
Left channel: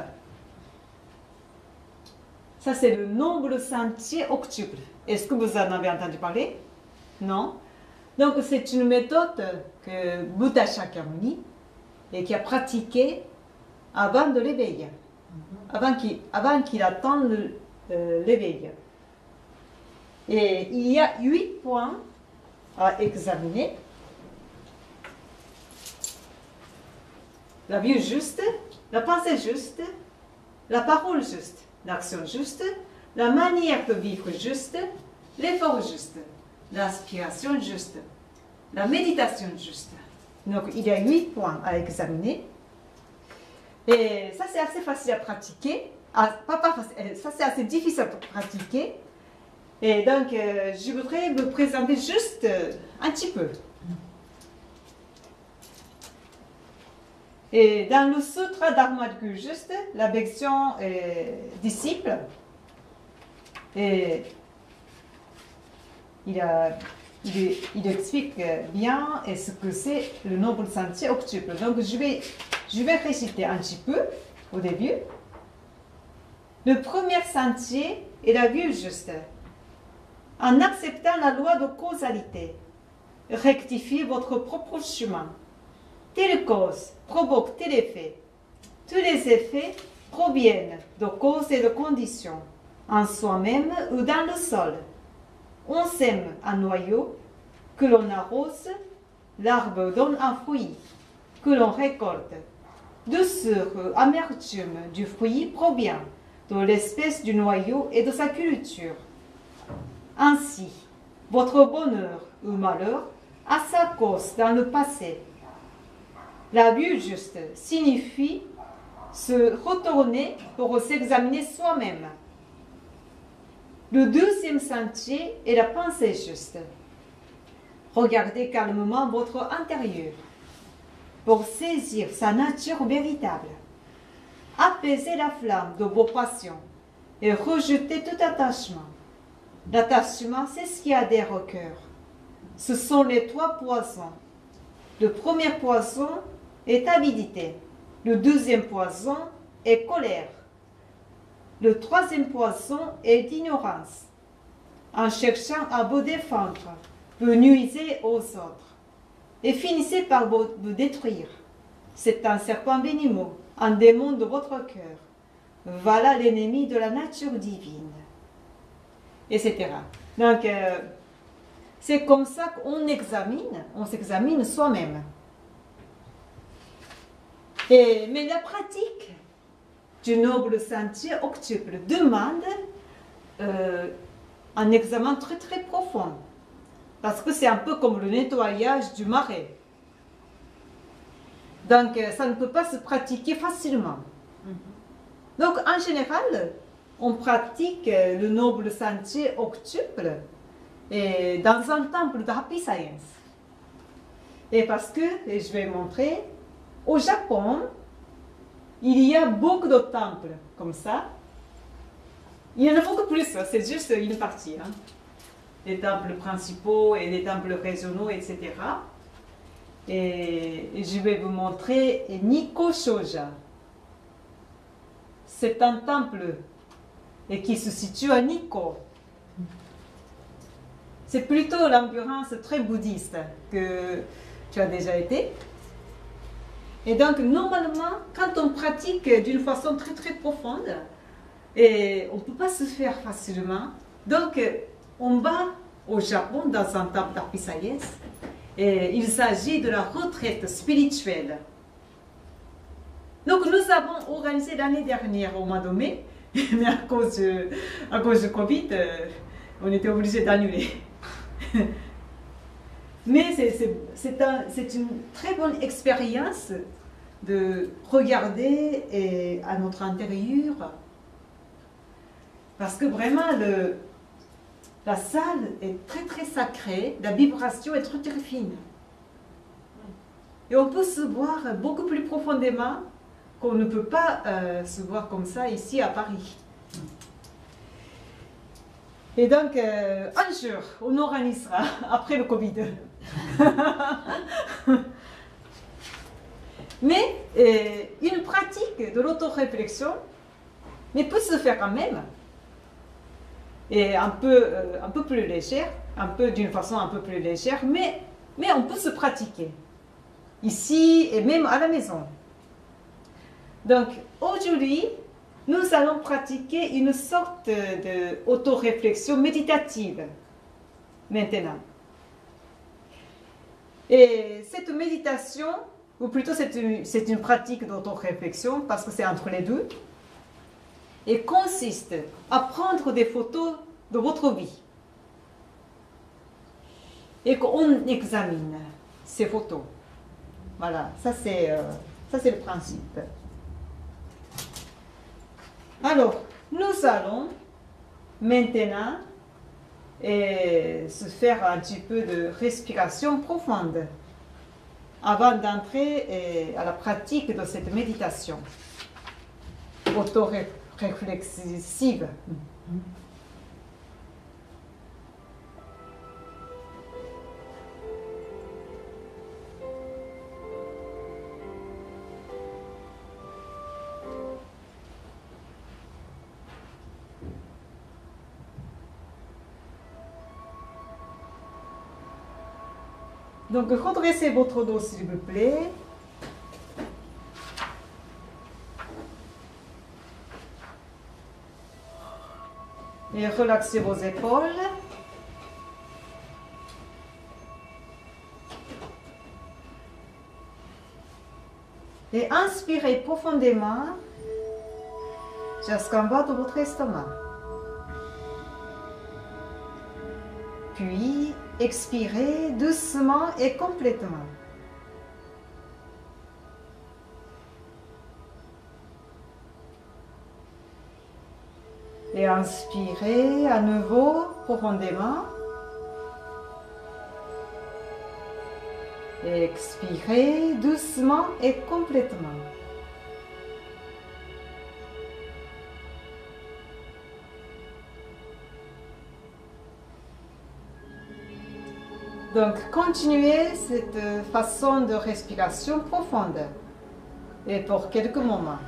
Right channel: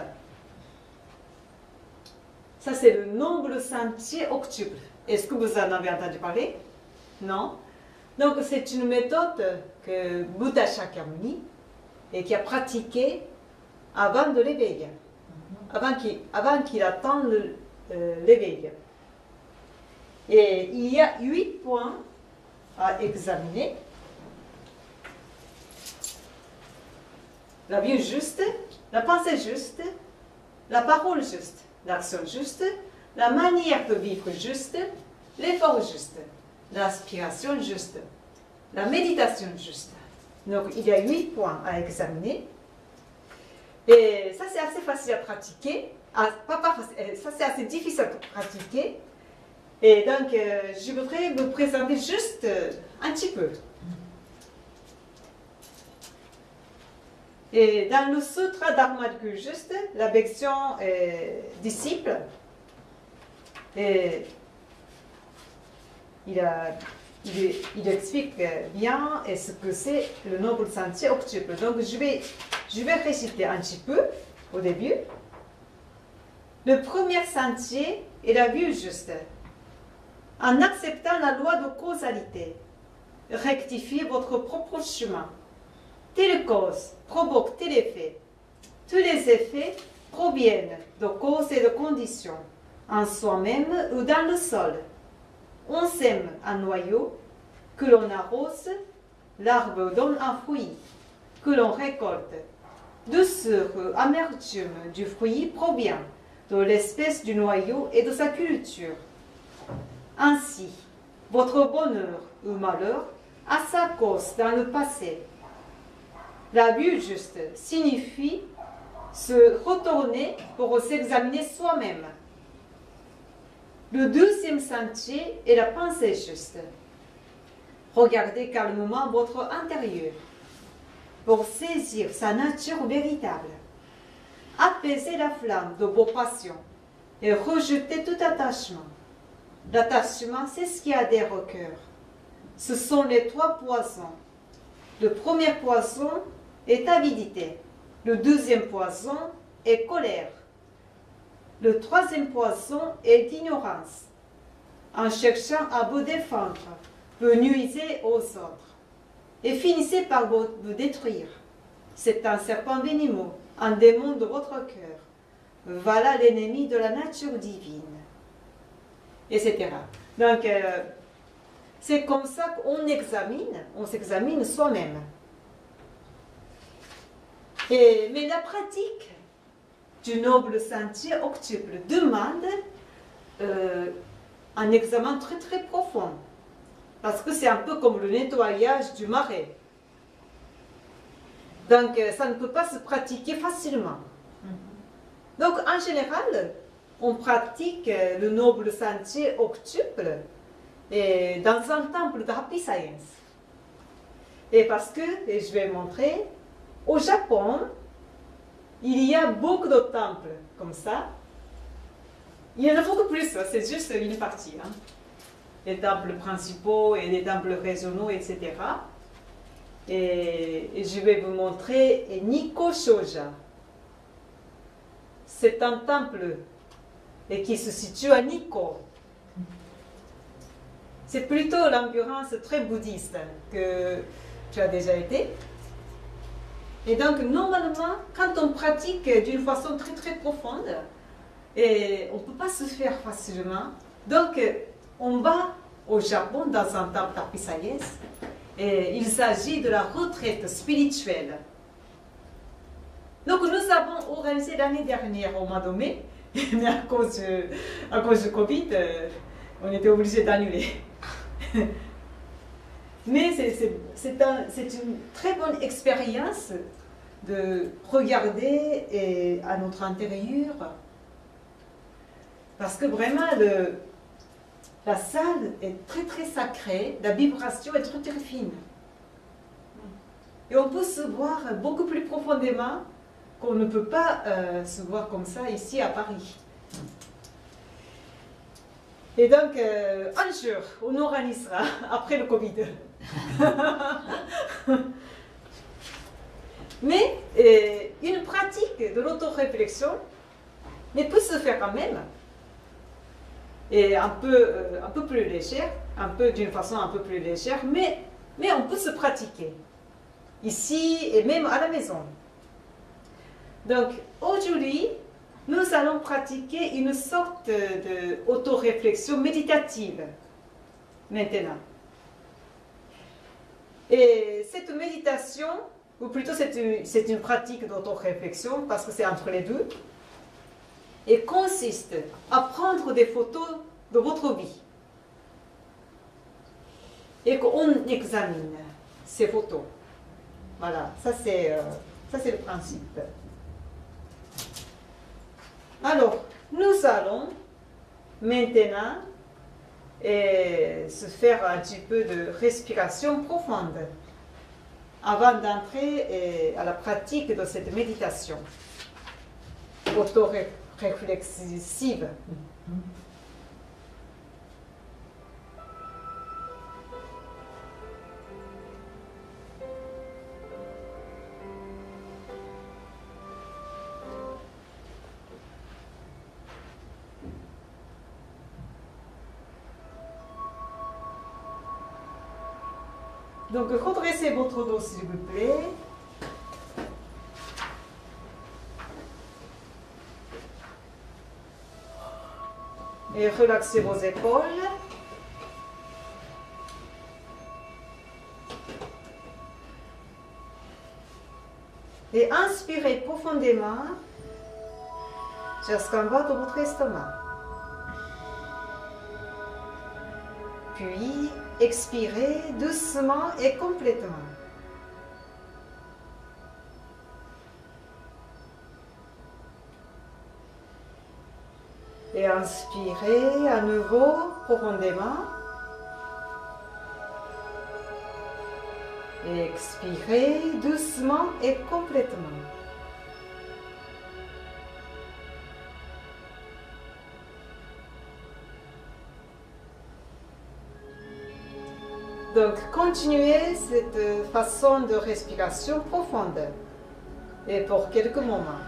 ça c'est le noble sentier octuple. Est-ce que vous en avez entendu parler? Non? Donc c'est une méthode que Bouddha Shakyamuni et qui a pratiquée avant de l'éveil, avant qu'il attende l'éveil. Et il y a 8 points à examiner. La vue juste, la pensée juste, la parole juste, l'action juste, la manière de vivre juste, l'effort juste, l'aspiration juste, la méditation juste. Donc il y a 8 points à examiner. Et ça c'est assez facile à pratiquer. Ça c'est assez difficile à pratiquer. Et donc, je voudrais vous présenter juste un petit peu. Et dans le Sutra d'Armadgu, juste la version disciple, et il explique bien ce que c'est le noble sentier octuple. Donc, je vais réciter un petit peu au début. Le premier sentier est la vue juste. En acceptant la loi de causalité, rectifiez votre propre chemin. Telle cause provoque tel effet. Tous les effets proviennent de causes et de conditions, en soi-même ou dans le sol. On sème un noyau, que l'on arrose, l'arbre donne un fruit, que l'on récolte. Douceur ou amertume du fruit provient de l'espèce du noyau et de sa culture. Ainsi, votre bonheur ou malheur a sa cause dans le passé. La vue juste signifie se retourner pour s'examiner soi-même. Le deuxième sentier est la pensée juste. Regardez calmement votre intérieur pour saisir sa nature véritable. Apaisez la flamme de vos passions et rejetez tout attachement. L'attachement, c'est ce qui adhère au cœur. Ce sont les trois poisons. Le premier poison est avidité. Le deuxième poison est colère. Le troisième poison est ignorance. En cherchant à vous défendre, vous nuisez aux autres et finissez par vous détruire. C'est un serpent venimeux, un démon de votre cœur. Voilà l'ennemi de la nature divine. Etc. Donc, c'est comme ça qu'on s'examine soi-même. Mais la pratique du noble sentier octuple demande un examen très très profond. Parce que c'est un peu comme le nettoyage du marais. Donc, ça ne peut pas se pratiquer facilement. Donc, en général, on pratique le noble sentier octuple dans un temple de Happy Science. Et parce que, et je vais montrer, au Japon, il y a beaucoup de temples comme ça. Il y en a beaucoup plus, c'est juste une partie. Hein. Les temples principaux et les temples régionaux, etc. Et je vais vous montrer Nikko Shoja. C'est un temple qui se situe à Nikko. C'est plutôt l'ambiance très bouddhiste que tu as déjà été. Et donc, normalement, quand on pratique d'une façon très très profonde, et on ne peut pas se faire facilement. Donc, on va au Japon dans un temple d'Happy Science. Et il s'agit de la retraite spirituelle. Donc, nous avons organisé l'année dernière au mois de mai, mais à cause du Covid, on était obligé d'annuler. Mais c'est une très bonne expérience de regarder à notre intérieur. Parce que vraiment, la salle est très très sacrée, la vibration est très très fine. Et on peut se voir beaucoup plus profondément qu'on ne peut pas se voir comme ça ici à Paris. Et donc, un jour, on organisera après le Covid. Mais une pratique de l'autoréflexion peut se faire quand même. Et un peu plus légère, d'une façon un peu plus légère, mais on peut se pratiquer ici et même à la maison. Donc aujourd'hui, nous allons pratiquer une sorte d'autoréflexion méditative maintenant. Et cette méditation, ou plutôt c'est une pratique d'autoréflexion parce que c'est entre les deux, et consiste à prendre des photos de votre vie et qu'on examine ces photos. Voilà, ça c'est le principe. Alors, nous allons maintenant et se faire un petit peu de respiration profonde avant d'entrer à la pratique de cette méditation auto-réflexive. Donc, redressez votre dos, s'il vous plaît. Et relaxez vos épaules. Et inspirez profondément jusqu'en bas de votre estomac. Puis, expirez doucement et complètement. Et inspirez à nouveau profondément. Et expirez doucement et complètement. Donc, continuez cette façon de respiration profonde et pour quelques moments.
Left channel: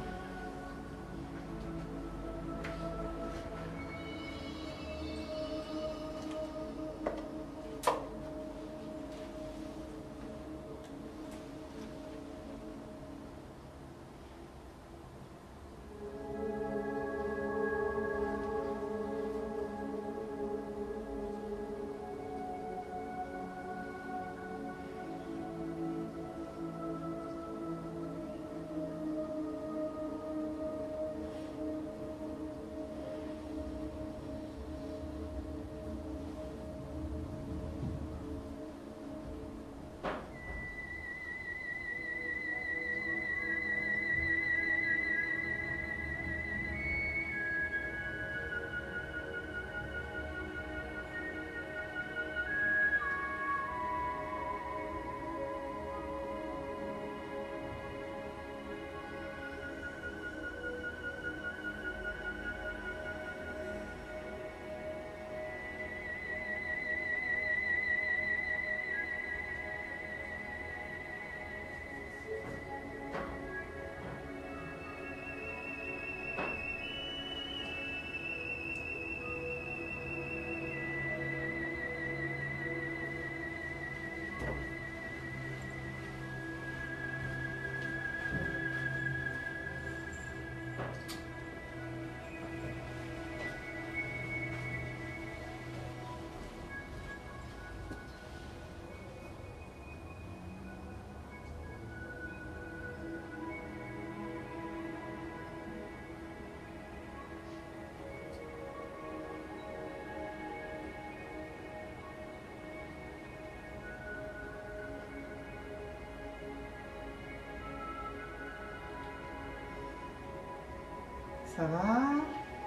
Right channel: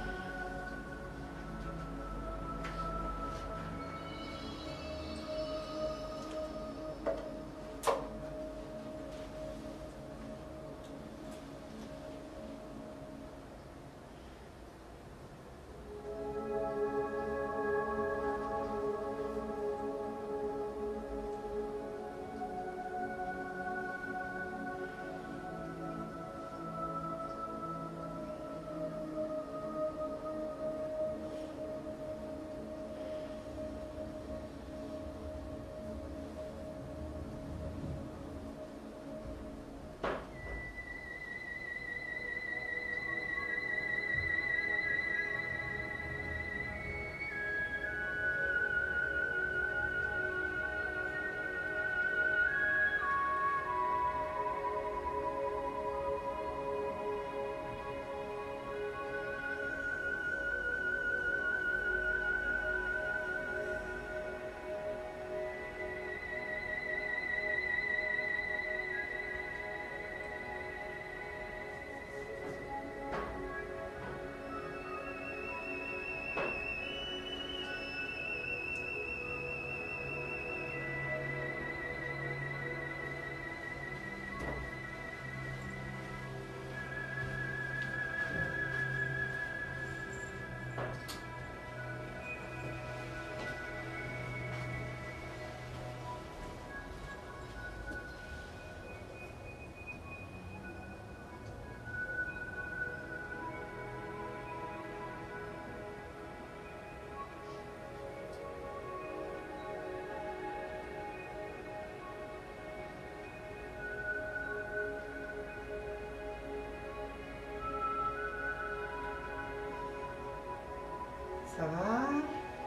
Ça va.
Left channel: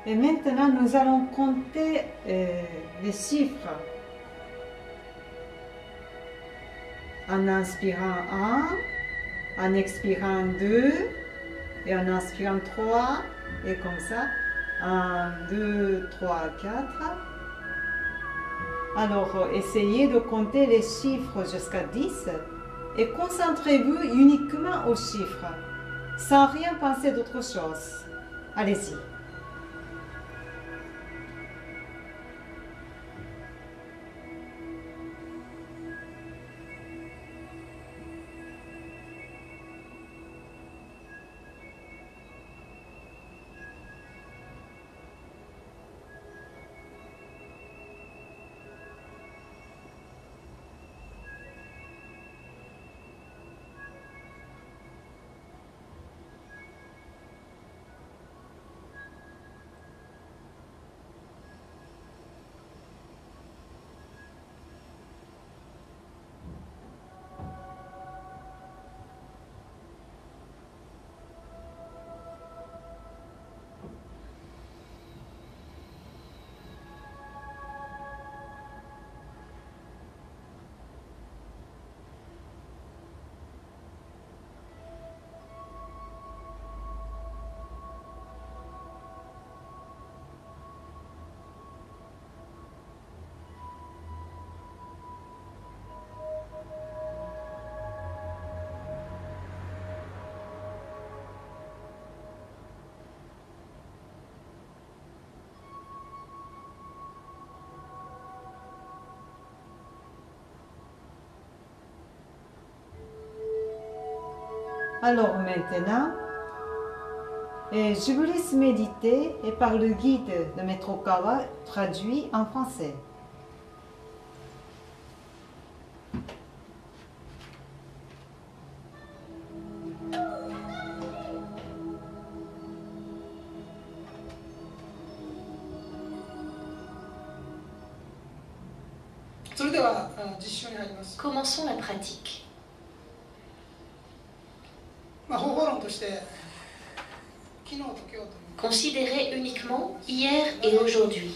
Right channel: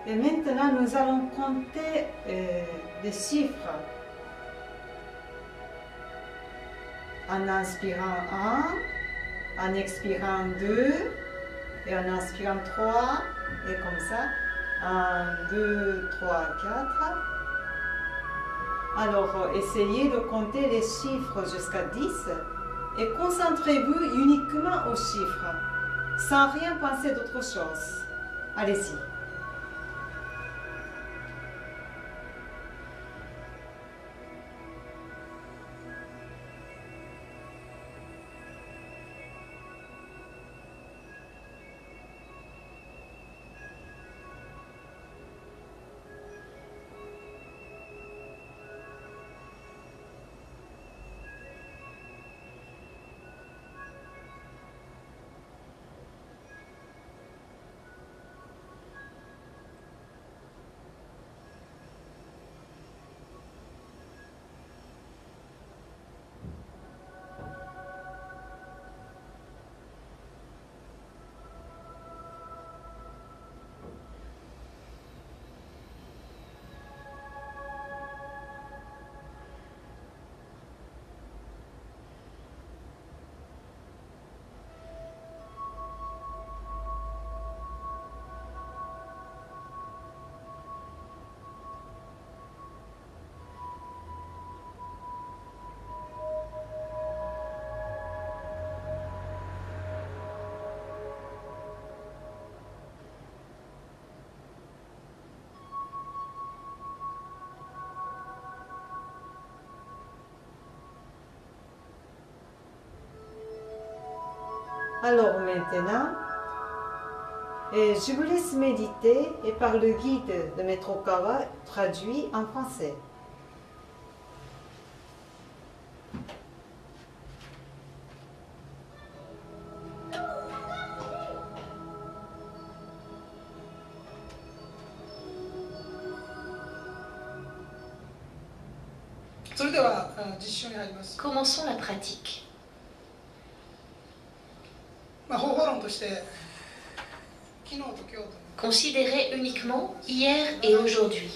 Et maintenant, nous allons compter les chiffres. En inspirant 1, en expirant 2, et en inspirant 3, et comme ça. 1, 2, 3, 4. Alors, essayez de compter les chiffres jusqu'à 10 et concentrez-vous uniquement aux chiffres, sans rien penser d'autre chose. Allez-y. Alors maintenant, je vous laisse méditer et par le guide de Maître Okawa traduit en français. Commençons la pratique. Considérez uniquement hier et aujourd'hui.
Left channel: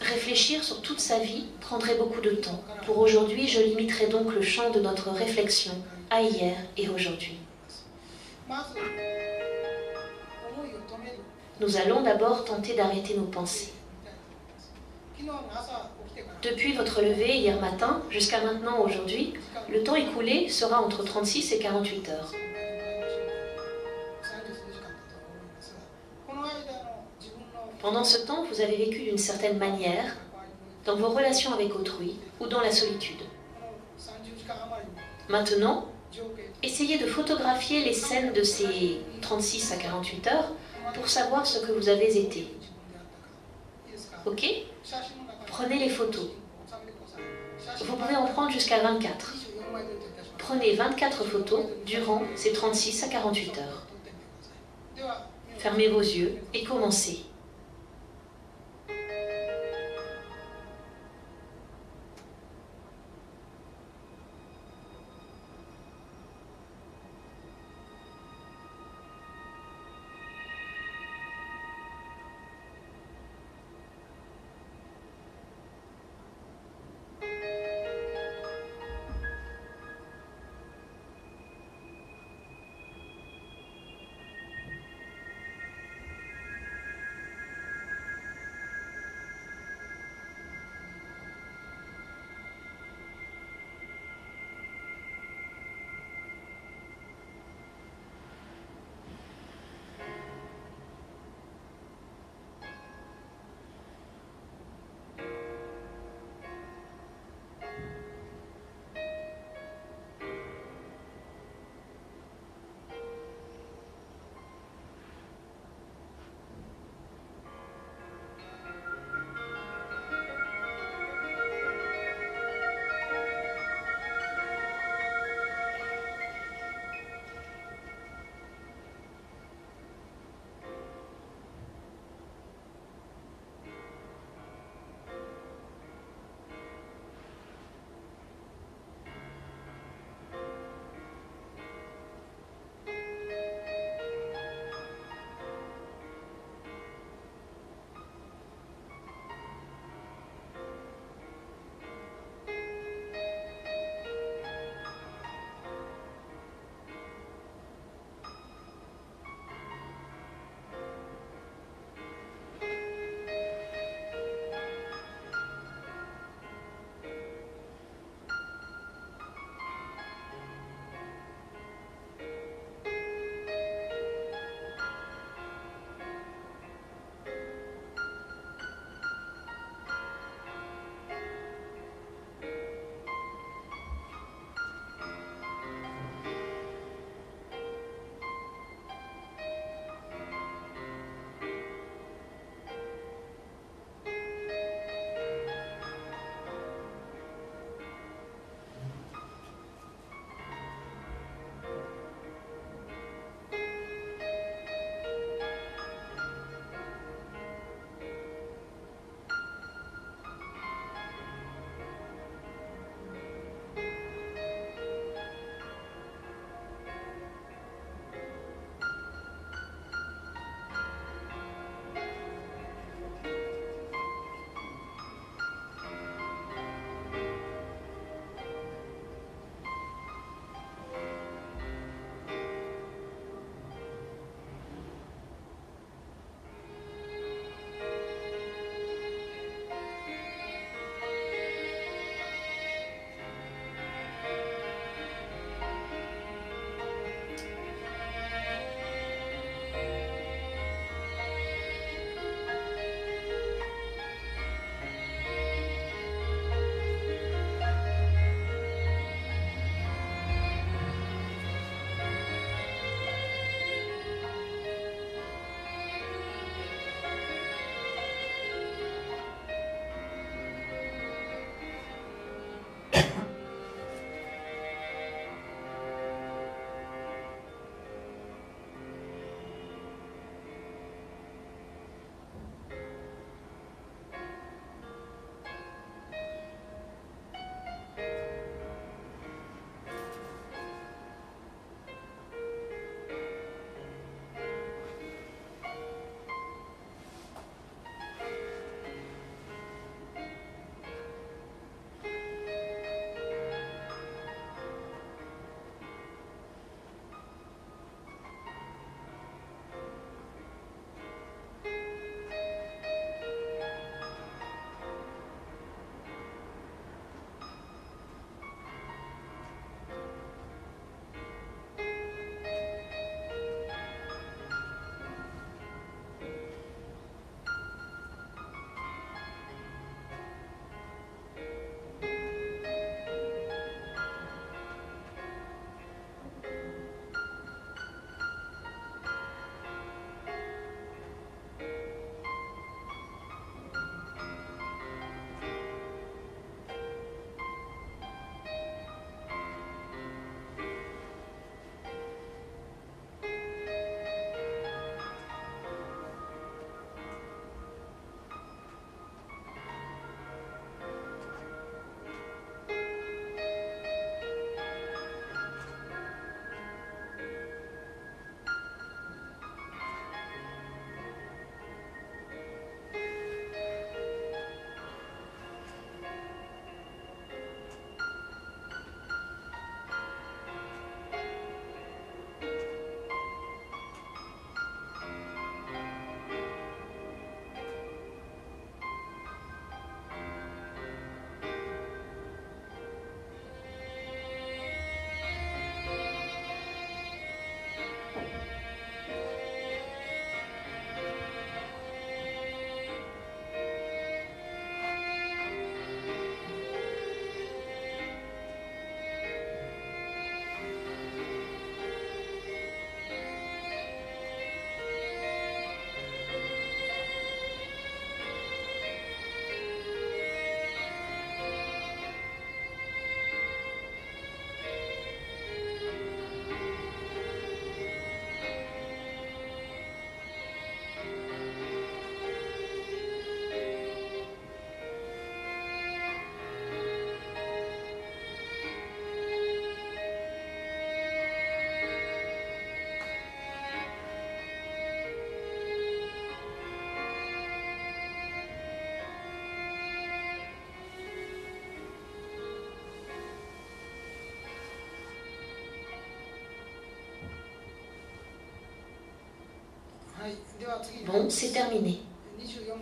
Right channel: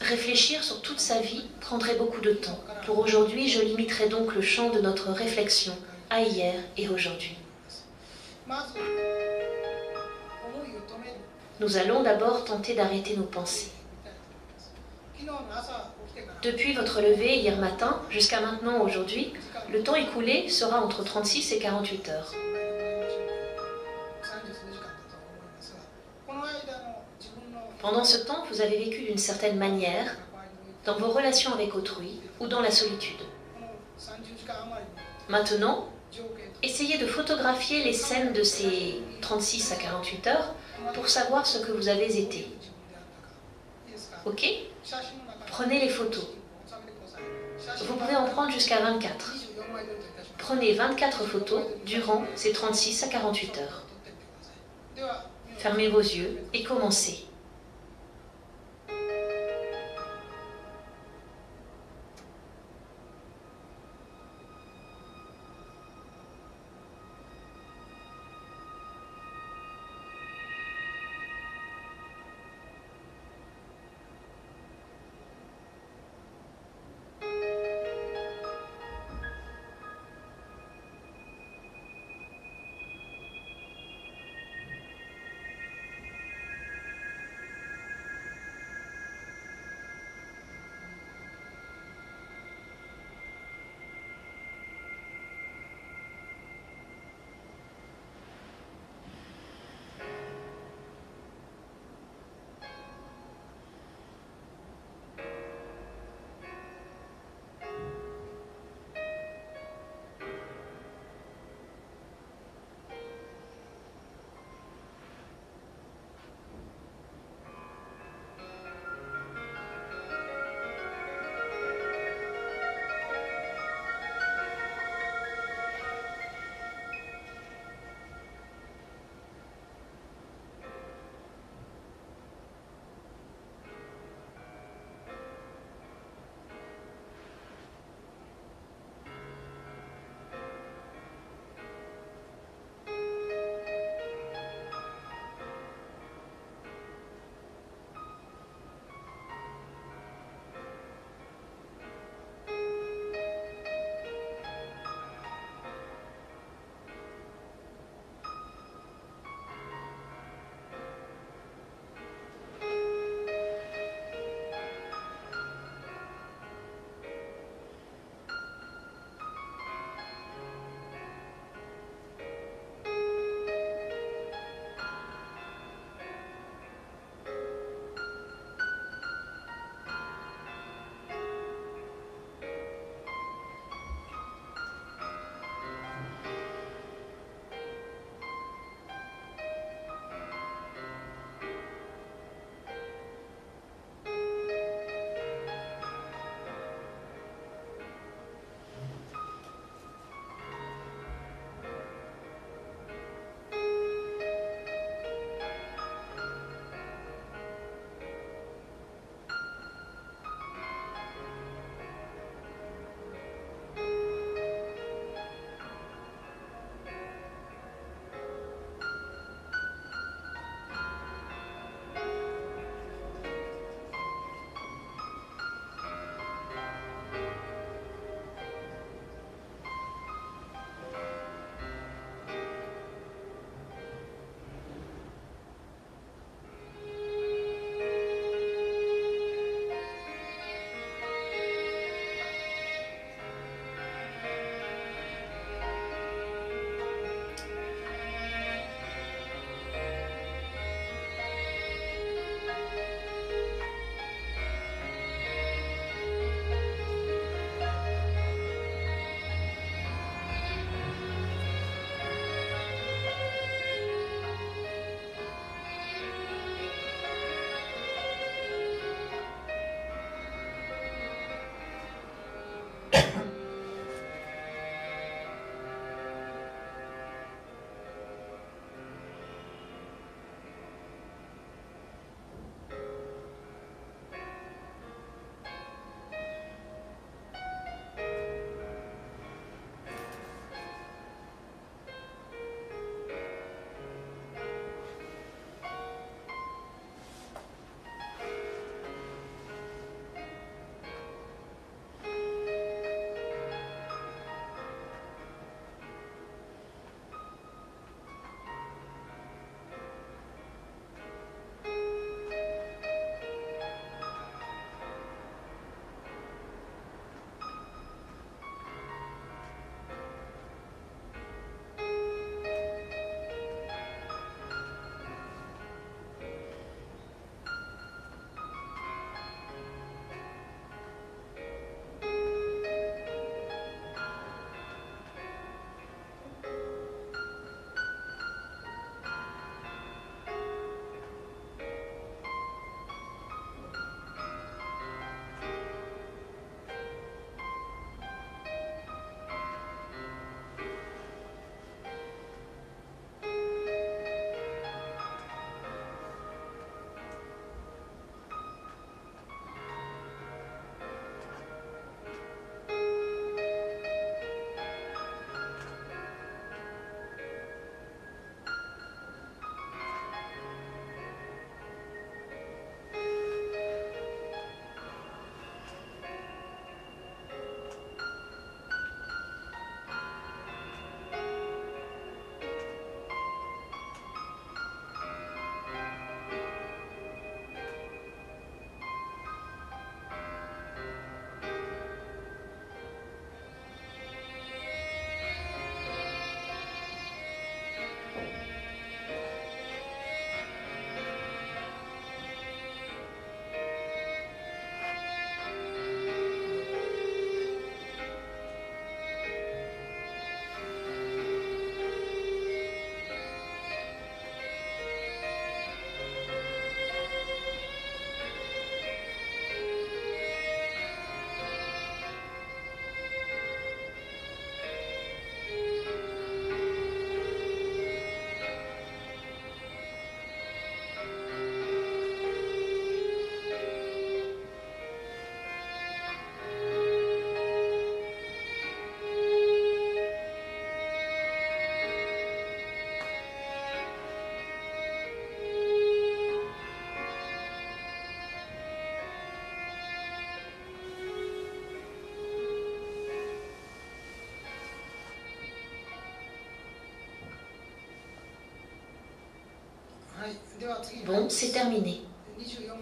Réfléchir sur toute sa vie prendrait beaucoup de temps. Pour aujourd'hui, je limiterai donc le champ de notre réflexion à hier et aujourd'hui. Nous allons d'abord tenter d'arrêter nos pensées. Depuis votre lever hier matin jusqu'à maintenant aujourd'hui, le temps écoulé sera entre 36 et 48 heures. Pendant ce temps, vous avez vécu d'une certaine manière dans vos relations avec autrui ou dans la solitude. Maintenant, essayez de photographier les scènes de ces 36 à 48 heures pour savoir ce que vous avez été. Ok ? Prenez les photos. Vous pouvez en prendre jusqu'à 24. Prenez 24 photos durant ces 36 à 48 heures. Fermez vos yeux et commencez. Bon, c'est terminé.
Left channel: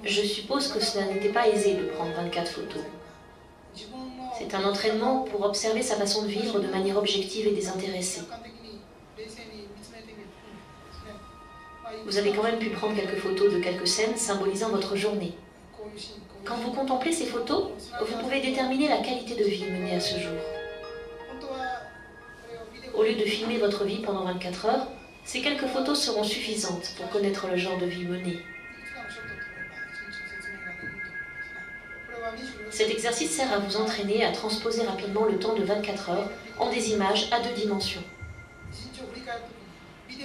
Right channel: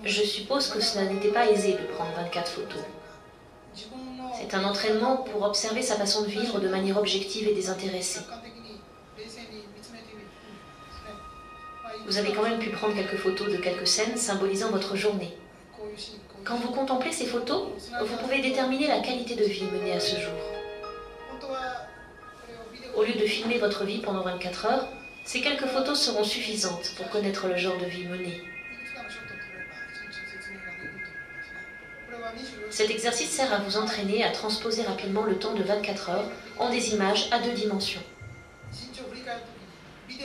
Je suppose que cela n'était pas aisé de prendre 24 photos. C'est un entraînement pour observer sa façon de vivre de manière objective et désintéressée. Vous avez quand même pu prendre quelques photos de quelques scènes symbolisant votre journée. Quand vous contemplez ces photos, vous pouvez déterminer la qualité de vie menée à ce jour. Au lieu de filmer votre vie pendant 24 heures, ces quelques photos seront suffisantes pour connaître le genre de vie menée. Cet exercice sert à vous entraîner à transposer rapidement le temps de 24 heures en des images à 2 dimensions.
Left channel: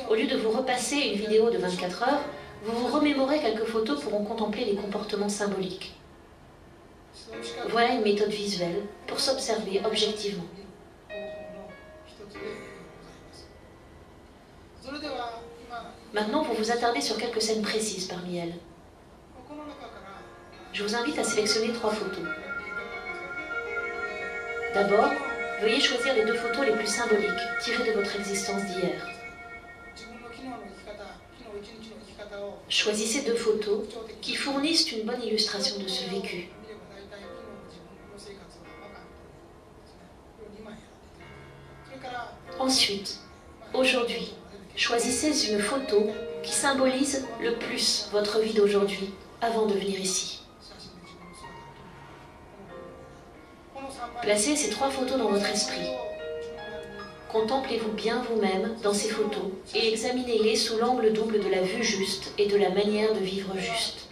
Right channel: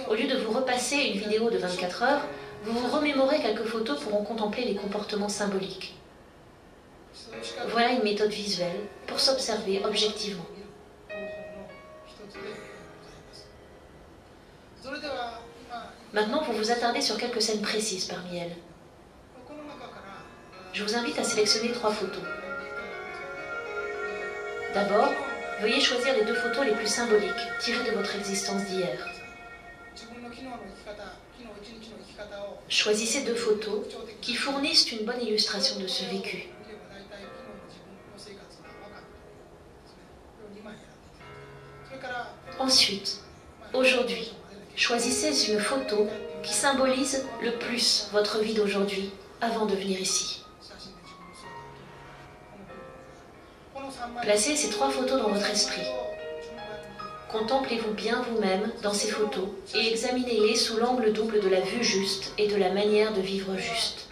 Au lieu de vous repasser une vidéo de 24 heures, vous vous remémorez quelques photos pour en contempler les comportements symboliques. Voilà une méthode visuelle pour s'observer objectivement. Maintenant, vous vous attardez sur quelques scènes précises parmi elles. Je vous invite à sélectionner 3 photos. D'abord, veuillez choisir les 2 photos les plus symboliques, tirées de votre existence d'hier. Choisissez 2 photos qui fournissent une bonne illustration de ce vécu. Ensuite, aujourd'hui, choisissez une photo qui symbolise le plus votre vie d'aujourd'hui avant de venir ici. Placez ces 3 photos dans votre esprit. Contemplez-vous bien vous-même dans ces photos et examinez-les sous l'angle double de la vue juste et de la manière de vivre juste.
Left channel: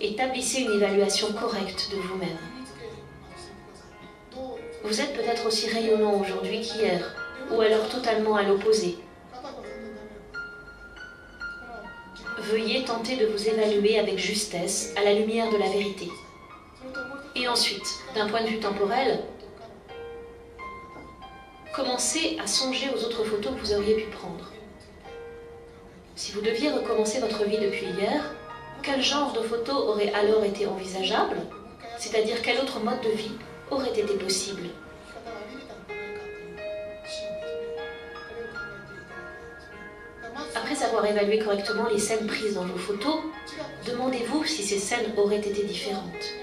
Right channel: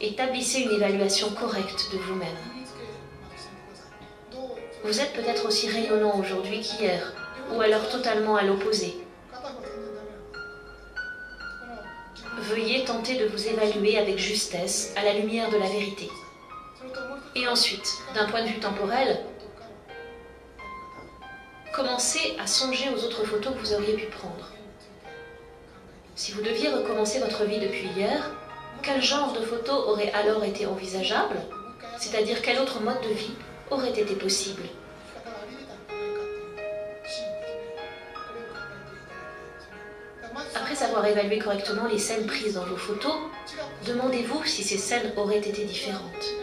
Établissez une évaluation correcte de vous-même. Vous êtes peut-être aussi rayonnant aujourd'hui qu'hier, ou alors totalement à l'opposé. Veuillez tenter de vous évaluer avec justesse à la lumière de la vérité. Et ensuite, d'un point de vue temporel, commencez à songer aux autres photos que vous auriez pu prendre. Si vous deviez recommencer votre vie depuis hier, quel genre de photos aurait alors été envisageable? C'est-à-dire quel autre mode de vie aurait été possible? Après avoir évalué correctement les scènes prises dans vos photos, demandez-vous si ces scènes auraient été différentes.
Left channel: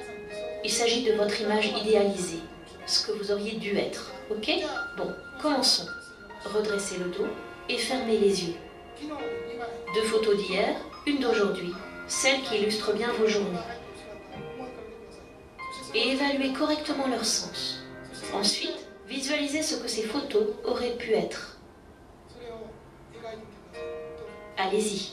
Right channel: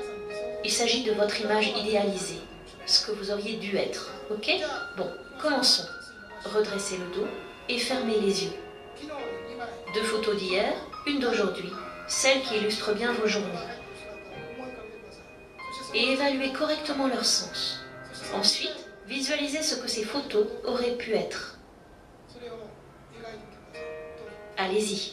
Il s'agit de votre image idéalisée, ce que vous auriez dû être. Ok? Bon, commençons. Redressez le dos et fermez les yeux. 2 photos d'hier, une d'aujourd'hui, celles qui illustrent bien vos journées. Et évaluez correctement leur sens. Ensuite, visualisez ce que ces photos auraient pu être. Allez-y.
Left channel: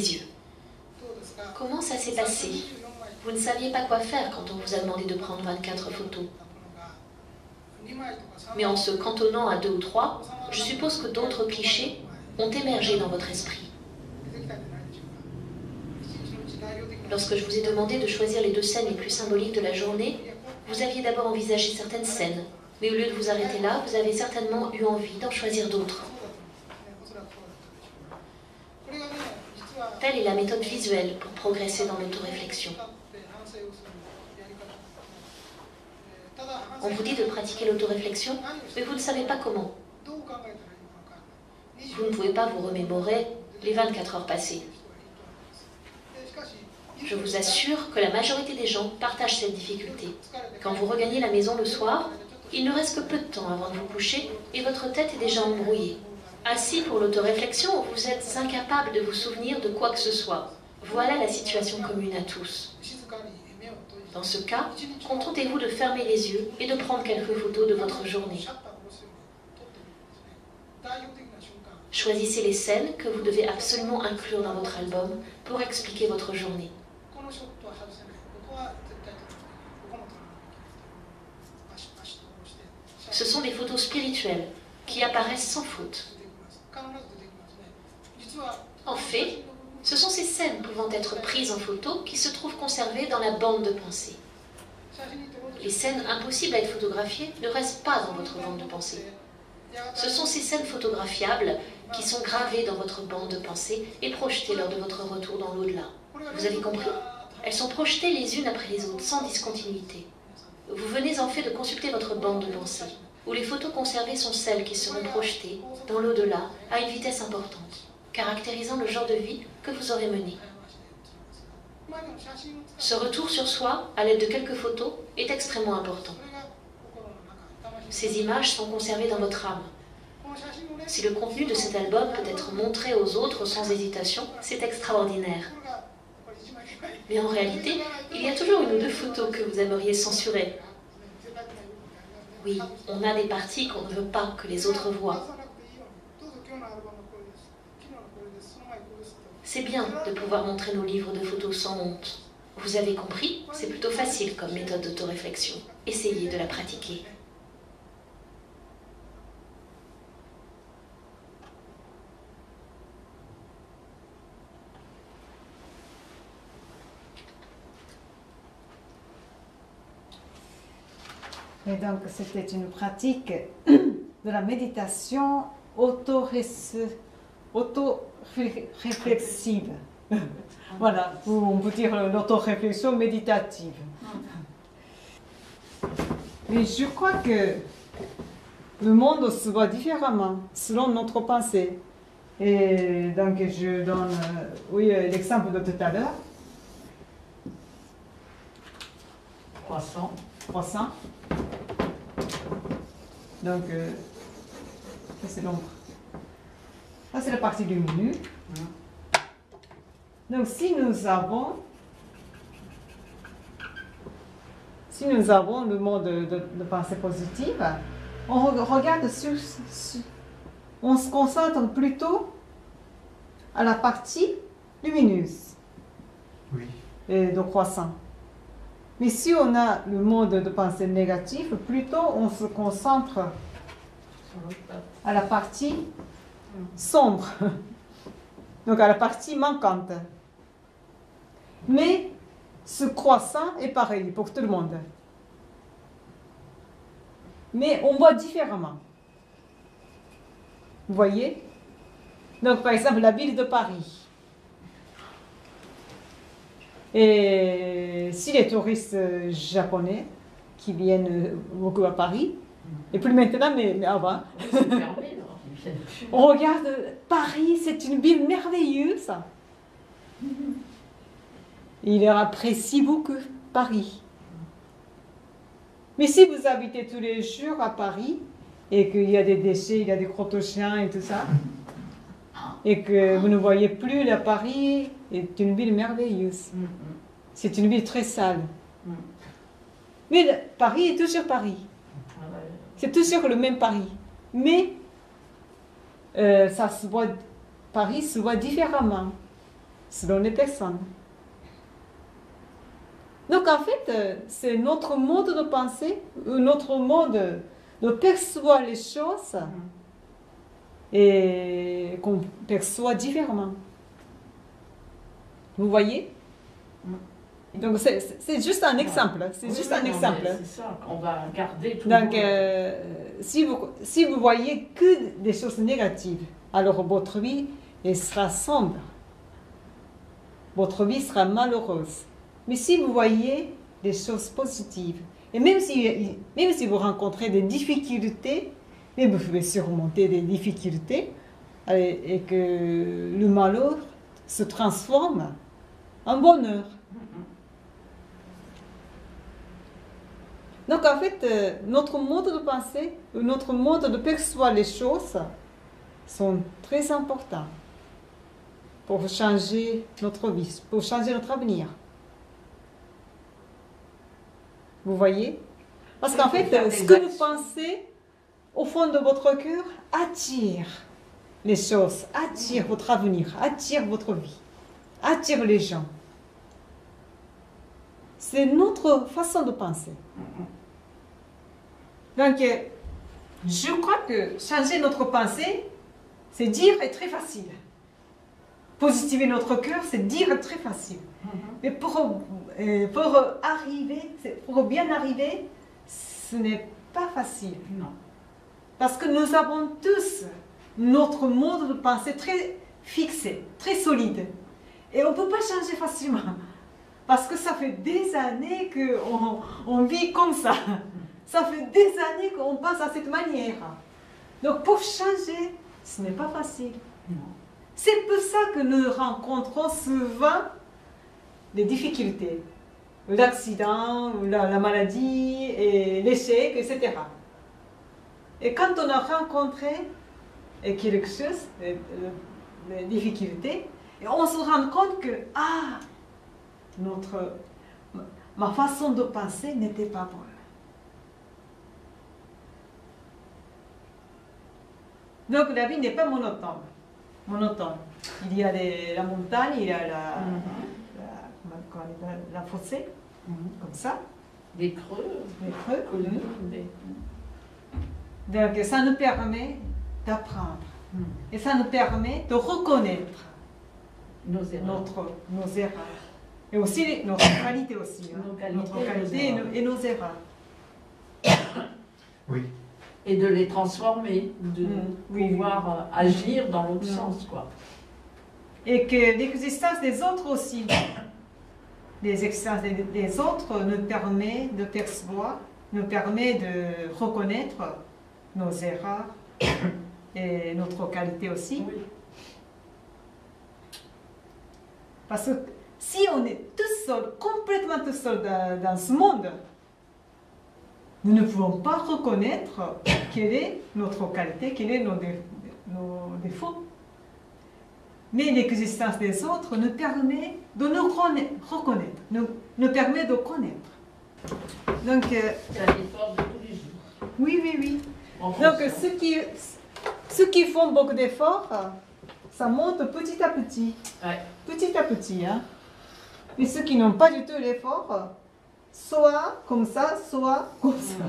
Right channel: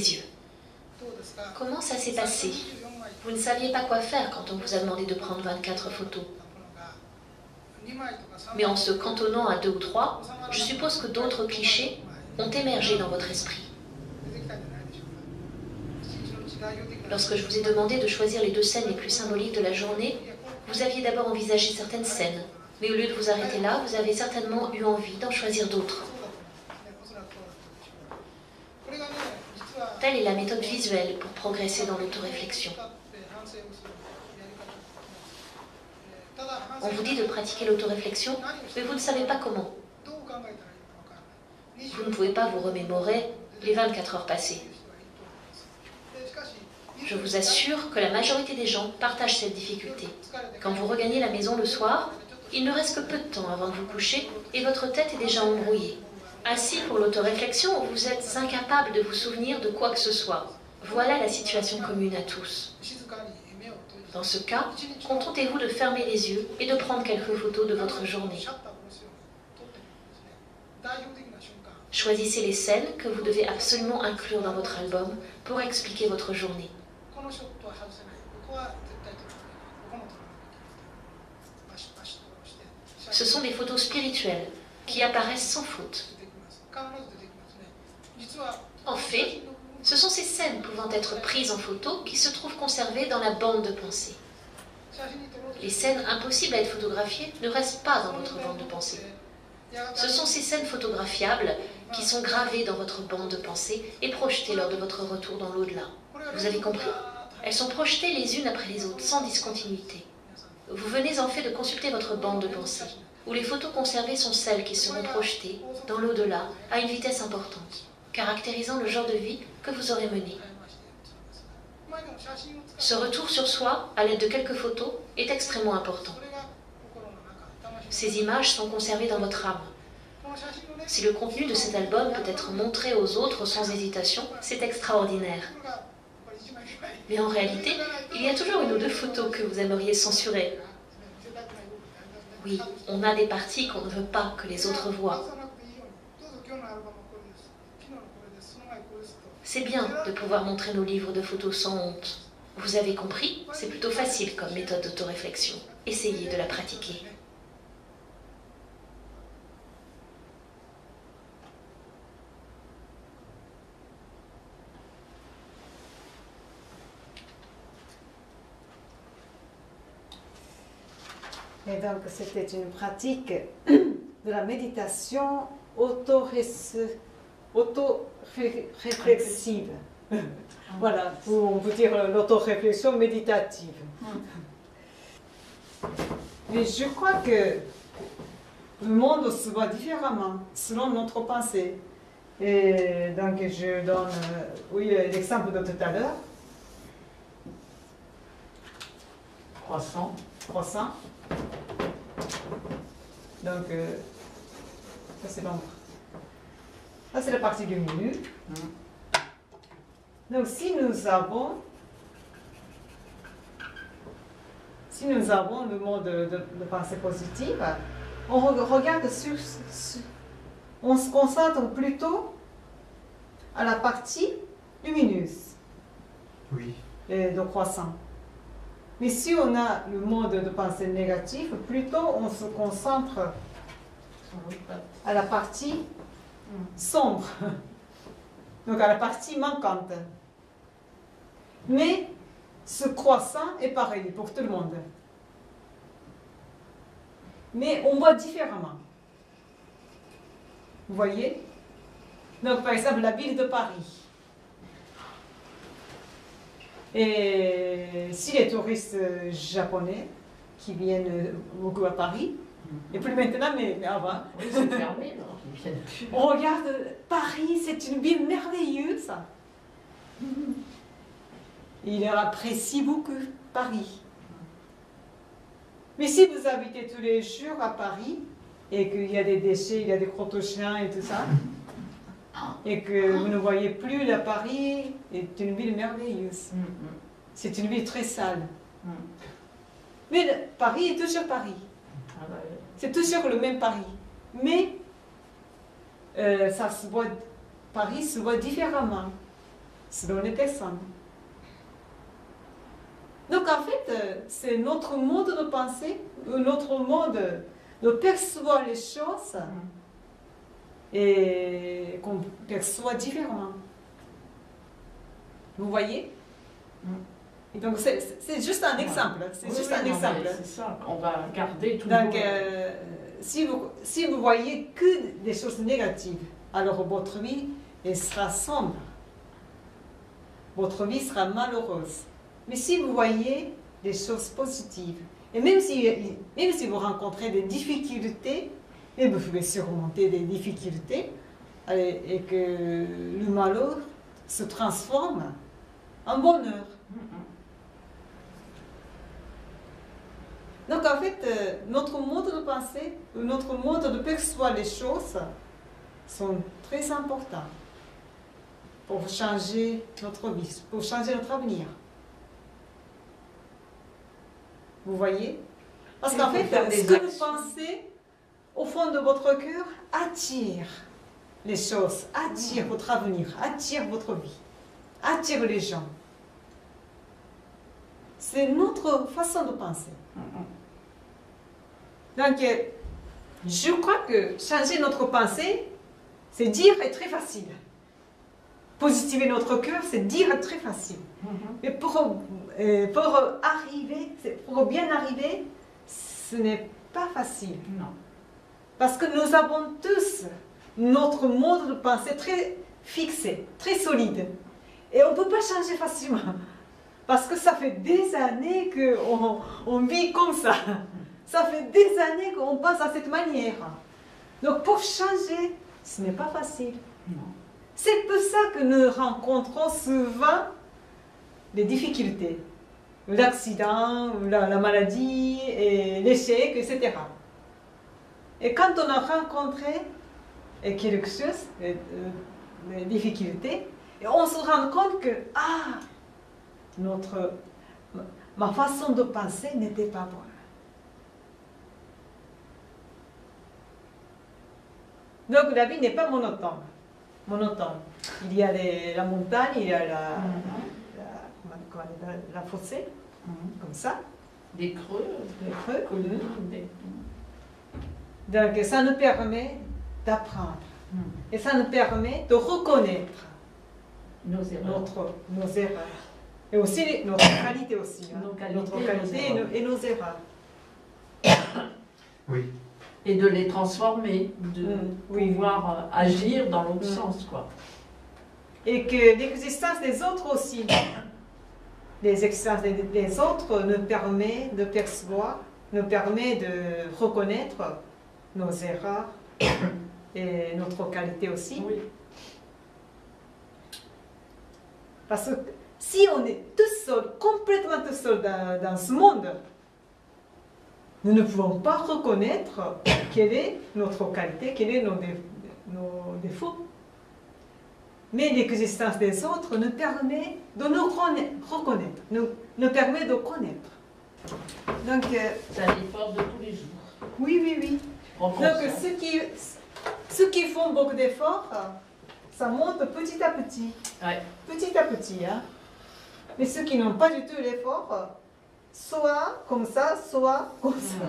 les yeux. Comment ça s'est passé? Vous ne saviez pas quoi faire quand on vous a demandé de prendre 24 photos. Mais en se cantonnant à 2 ou 3, je suppose que d'autres clichés ont émergé dans votre esprit. Lorsque je vous ai demandé de choisir les 2 scènes les plus symboliques de la journée, vous aviez d'abord envisagé certaines scènes, mais au lieu de vous arrêter là, vous avez certainement eu envie d'en choisir d'autres. Telle est la méthode visuelle pour progresser dans l'autoréflexion. On vous dit de pratiquer l'autoréflexion, mais vous ne savez pas comment. Vous ne pouvez pas vous remémorer les 24 heures passées. Je vous assure que la majorité des gens partagent cette difficulté. Quand vous regagnez la maison le soir, il ne reste que peu de temps avant de vous coucher et votre tête est déjà embrouillée. Assis pour l'autoréflexion, vous êtes incapable de vous souvenir de quoi que ce soit. Voilà la situation commune à tous. Dans ce cas, contentez-vous de fermer les yeux et de prendre quelques photos de votre journée. Choisissez les scènes que vous devez absolument inclure dans votre album pour expliquer votre journée. Ce sont des photos spirituelles qui apparaissent sans faute. En fait, ce sont ces scènes pouvant être prises en photo qui se trouvent conservées dans la bande de pensée. Les scènes impossibles à être photographiées ne restent pas dans votre bande de pensée. Ce sont ces scènes photographiables qui sont gravées dans votre bande de pensée et projetées lors de votre retour dans l'au-delà. Vous avez compris? Elles sont projetées les unes après les autres, sans discontinuité. Vous venez en fait de consulter votre bande de pensée, où les photos conservées sont celles qui seront projetées dans l'au-delà à une vitesse importante, caractérisant le genre de vie que vous aurez mené. Ce retour sur soi, à l'aide de quelques photos, est extrêmement important. Ces images sont conservées dans votre âme. Si le contenu de cet album peut être montré aux autres sans hésitation, c'est extraordinaire. Mais en réalité, il y a toujours une ou 2 photos que vous aimeriez censurer. Oui, on a des parties qu'on ne veut pas que les autres voient. C'est bien de pouvoir montrer nos livres de photos sans honte. Vous avez compris? C'est plutôt facile comme méthode d'autoréflexion. Essayez de la pratiquer. Et donc, c'était une pratique de la méditation auto-réflexive. Voilà, on peut dire l'auto-réflexion méditative. Mais je crois que le monde se voit différemment selon notre pensée. Et donc, je donne l'exemple de tout à l'heure. Croissant. Donc, ça c'est l'ombre. Ça c'est la partie du milieu. Donc, si nous avons le mode de pensée positive, on regarde on se concentre plutôt à la partie lumineuse de croissant. Mais si on a le mode de pensée négatif, plutôt on se concentre à la partie sombre, donc à la partie manquante. Mais ce croissant est pareil pour tout le monde. Mais on voit différemment. Vous voyez? Donc par exemple la ville de Paris. Et si les touristes japonais qui viennent beaucoup à Paris, et plus maintenant, mais avant, on regarde Paris, c'est une ville merveilleuse. Il leur apprécie beaucoup Paris. Mais si vous habitez tous les jours à Paris, et qu'il y a des déchets, il y a des crotte-chiens et tout ça, et que vous ne voyez plus la Paris est une ville merveilleuse. C'est une ville très sale. Mais Paris est toujours Paris. C'est toujours le même Paris. Mais Paris se voit différemment. selon les personnes. Donc en fait, c'est notre mode de pensée, notre mode de percevoir les choses et qu'on perçoit différemment. Vous voyez? Donc c'est juste un exemple. C'est juste un exemple. C'est ça, on va garder tout. Donc si vous voyez que des choses négatives, alors votre vie elle sera sombre. Votre vie sera malheureuse. Mais si vous voyez des choses positives, et même si vous rencontrez des difficultés, mais vous pouvez surmonter des difficultés et que le malheur se transforme en bonheur. Donc en fait, notre mode de pensée, notre mode de percevoir les choses sont très importants pour changer notre vie, pour changer notre avenir. Vous voyez? Parce qu'en fait, ce que vous pensez au fond de votre cœur attire les choses, attire votre avenir, attire votre vie, attire les gens. C'est notre façon de penser. Donc, je crois que changer notre pensée, c'est dire est très facile. Positiver notre cœur, c'est dire très facile. Mais pour bien arriver, ce n'est pas facile. Non. Parce que nous avons tous notre mode de pensée très fixé, très solide. Et on ne peut pas changer facilement. Parce que ça fait des années qu'on vit comme ça. Ça fait des années qu'on pense à cette manière. Donc pour changer, ce n'est pas facile. C'est pour ça que nous rencontrons souvent des difficultés. L'accident, la maladie, et l'échec, etc. Et quand on a rencontré quelque chose, des difficultés, et on se rend compte que ma façon de penser n'était pas bonne. Donc la vie n'est pas monotone. Il y a la montagne, il y a la fossé, comme ça. Des creux. Des creux. Donc ça nous permet d'apprendre. Et ça nous permet de reconnaître nos erreurs. Nos erreurs. Et aussi notre qualité aussi. Notre qualité et nos erreurs. Oui. Et de les transformer, de pouvoir agir dans l'autre sens, quoi. Et que l'existence des autres aussi, l'existence des autres nous permet de percevoir, nous permet de reconnaître nos erreurs et notre qualité aussi. Oui. Parce que si on est tout seul, complètement tout seul dans ce monde, nous ne pouvons pas reconnaître quelle est notre qualité, quels sont nos défauts. Mais l'existence des autres nous permet de nous reconnaître, nous permet de connaître. Donc, c'est un effort de tous les jours. Oui. Donc, ceux qui font beaucoup d'efforts, ça monte petit à petit. Ouais. Petit à petit. Hein. Mais ceux qui n'ont pas du tout l'effort, soit comme ça, soit comme ça.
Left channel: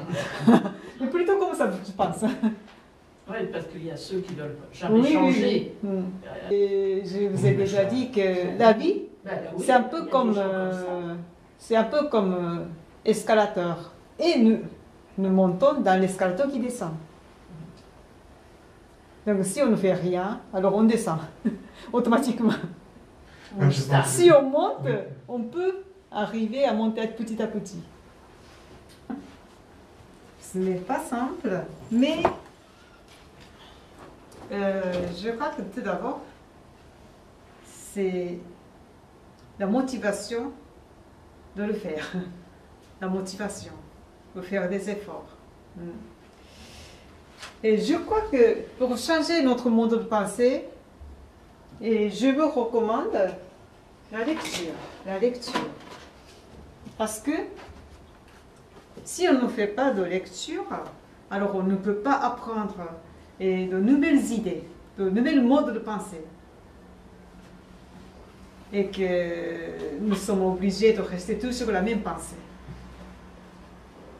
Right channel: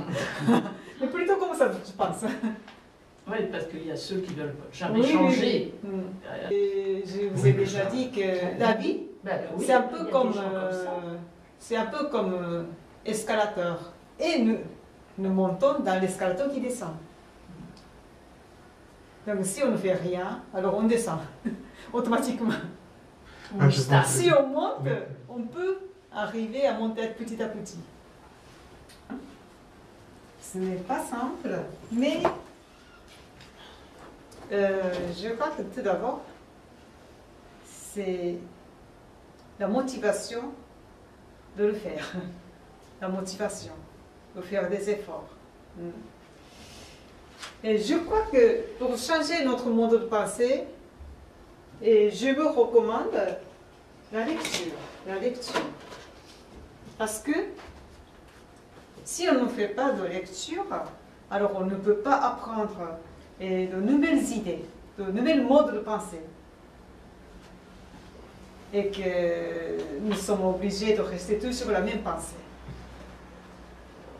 Mais plutôt comme ça, je pense. Oui, parce qu'il y a ceux qui ne veulent jamais changer. Oui. Et je vous ai déjà dit que la vie, c'est un peu comme escalateur. Et nous montons dans l'escalator qui descend. Donc si on ne fait rien, alors on descend automatiquement. Si on monte, on peut arriver à monter petit à petit. Ce n'est pas simple, mais je crois que tout d'abord, c'est la motivation de le faire. La motivation de faire des efforts. Et je crois que pour changer notre mode de pensée, et je vous recommande la lecture. Parce que si on ne fait pas de lecture, alors on ne peut pas apprendre de nouvelles idées, de nouvelles modes de pensée. et que nous sommes obligés de rester toujours sur la même pensée,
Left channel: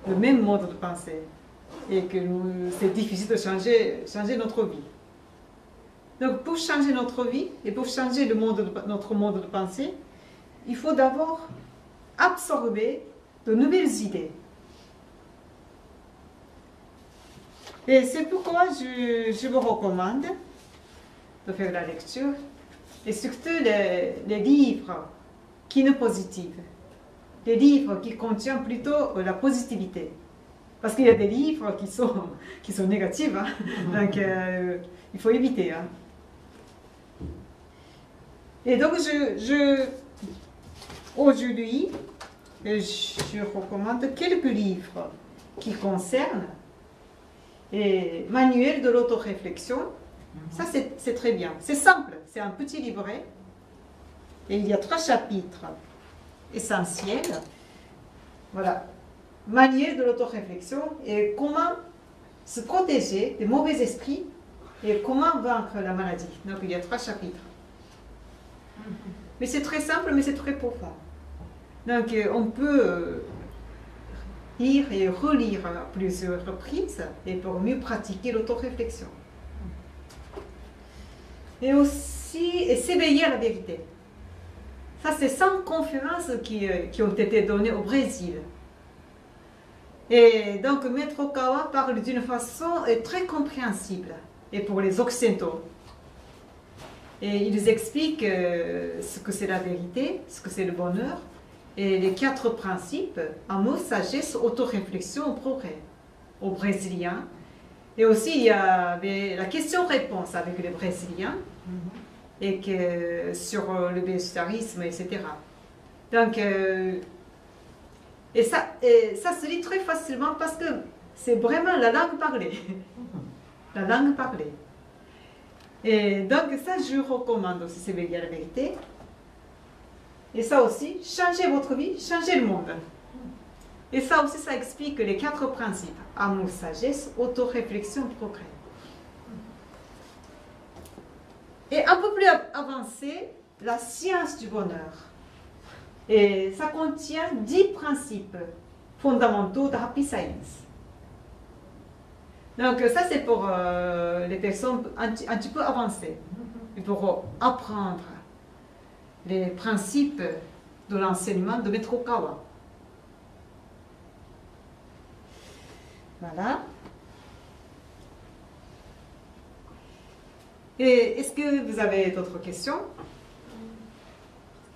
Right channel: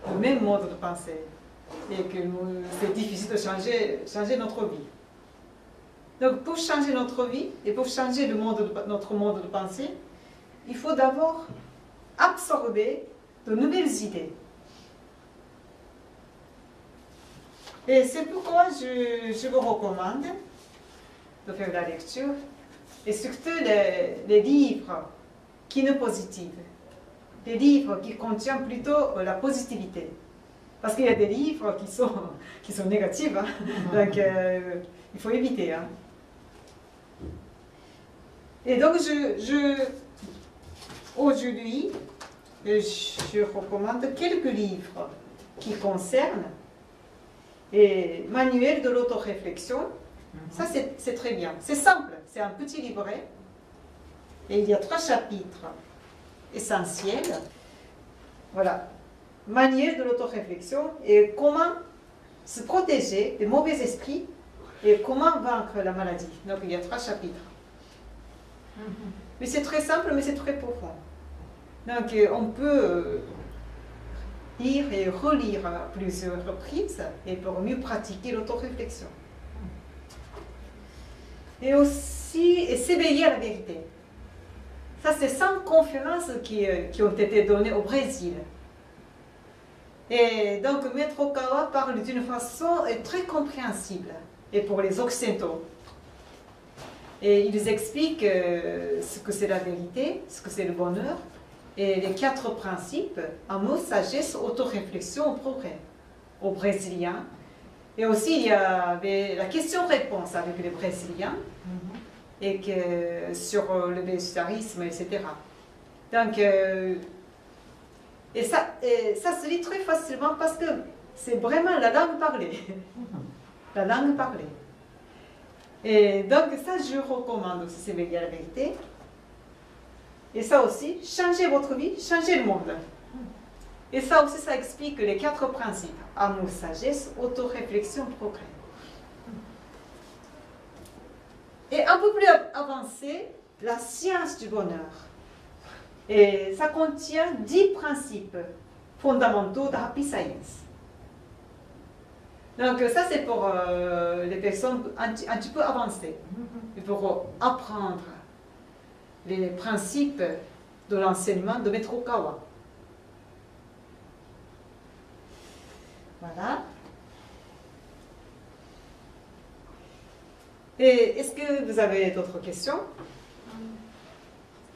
le même mode de pensée, et que c'est difficile de changer notre vie. Donc pour changer notre vie et pour changer notre mode de pensée, il faut d'abord absorber de nouvelles idées. Et c'est pourquoi je vous recommande de faire la lecture, et surtout les livres qui sont positifs, les livres qui contiennent plutôt la positivité. Parce qu'il y a des livres qui sont négatifs, hein. Donc il faut éviter. Hein. Et donc aujourd'hui, je recommande quelques livres qui concernent et manuel de l'autoréflexion. Ça, c'est très bien. C'est simple. C'est un petit livret. Et il y a 3 chapitres essentiels. Voilà. Manuel de l'autoréflexion et comment se protéger des mauvais esprits et comment vaincre la maladie. Donc, il y a 3 chapitres. Mais c'est très simple, mais c'est très profond. Donc, on peut lire et relire à plusieurs reprises et pour mieux pratiquer l'autoréflexion. Et aussi s'éveiller à la vérité. Ça, c'est 5 conférences qui ont été données au Brésil. Et donc, Maître Okawa parle d'une façon très compréhensible et pour les occidentaux. Et ils expliquent ce que c'est la vérité, ce que c'est le bonheur, et les 4 principes, amour, sagesse, autoréflexion, au progrès, aux Brésiliens. Et aussi, il y avait la question-réponse avec les Brésiliens, et sur le végétarisme, etc. Donc, et ça se lit très facilement parce que c'est vraiment la langue parlée. La langue parlée. Et donc, ça, je recommande aussi, s'éveiller à la vérité. Et ça aussi, changer votre vie, changer le monde. Et ça aussi, ça explique les 4 principes. Amour, sagesse, autoréflexion, progrès. Et un peu plus avancé, la science du bonheur. Et ça contient 10 principes fondamentaux de Happy Science. Donc ça, c'est pour les personnes un petit peu avancées. Et pour apprendre les principes de l'enseignement de Maître Okawa. Voilà. Et est-ce que vous avez d'autres questions?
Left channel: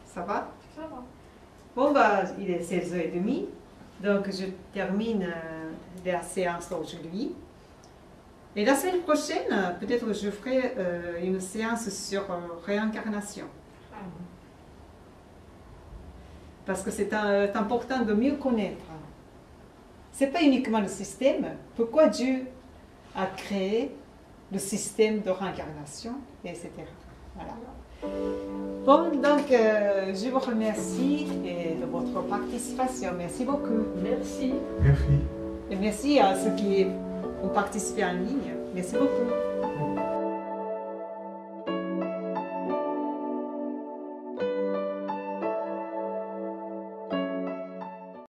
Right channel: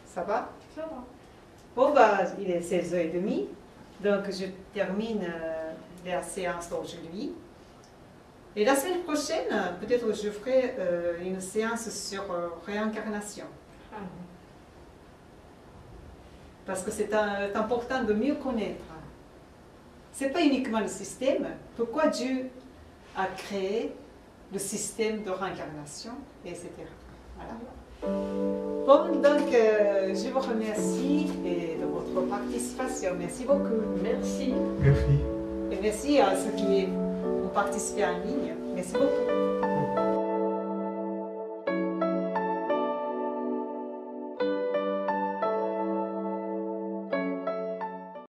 Ça va? Ça va. Bon, bah, il est 16h30, donc je termine la séance d'aujourd'hui. Et la semaine prochaine, peut-être je ferai une séance sur réincarnation. Parce que c'est important de mieux connaître. Ce n'est pas uniquement le système. Pourquoi Dieu a créé le système de réincarnation, etc. Voilà. Bon, donc je vous remercie de votre participation. Merci beaucoup. Merci. Merci. Et merci à ceux qui ont participé en ligne. Merci beaucoup.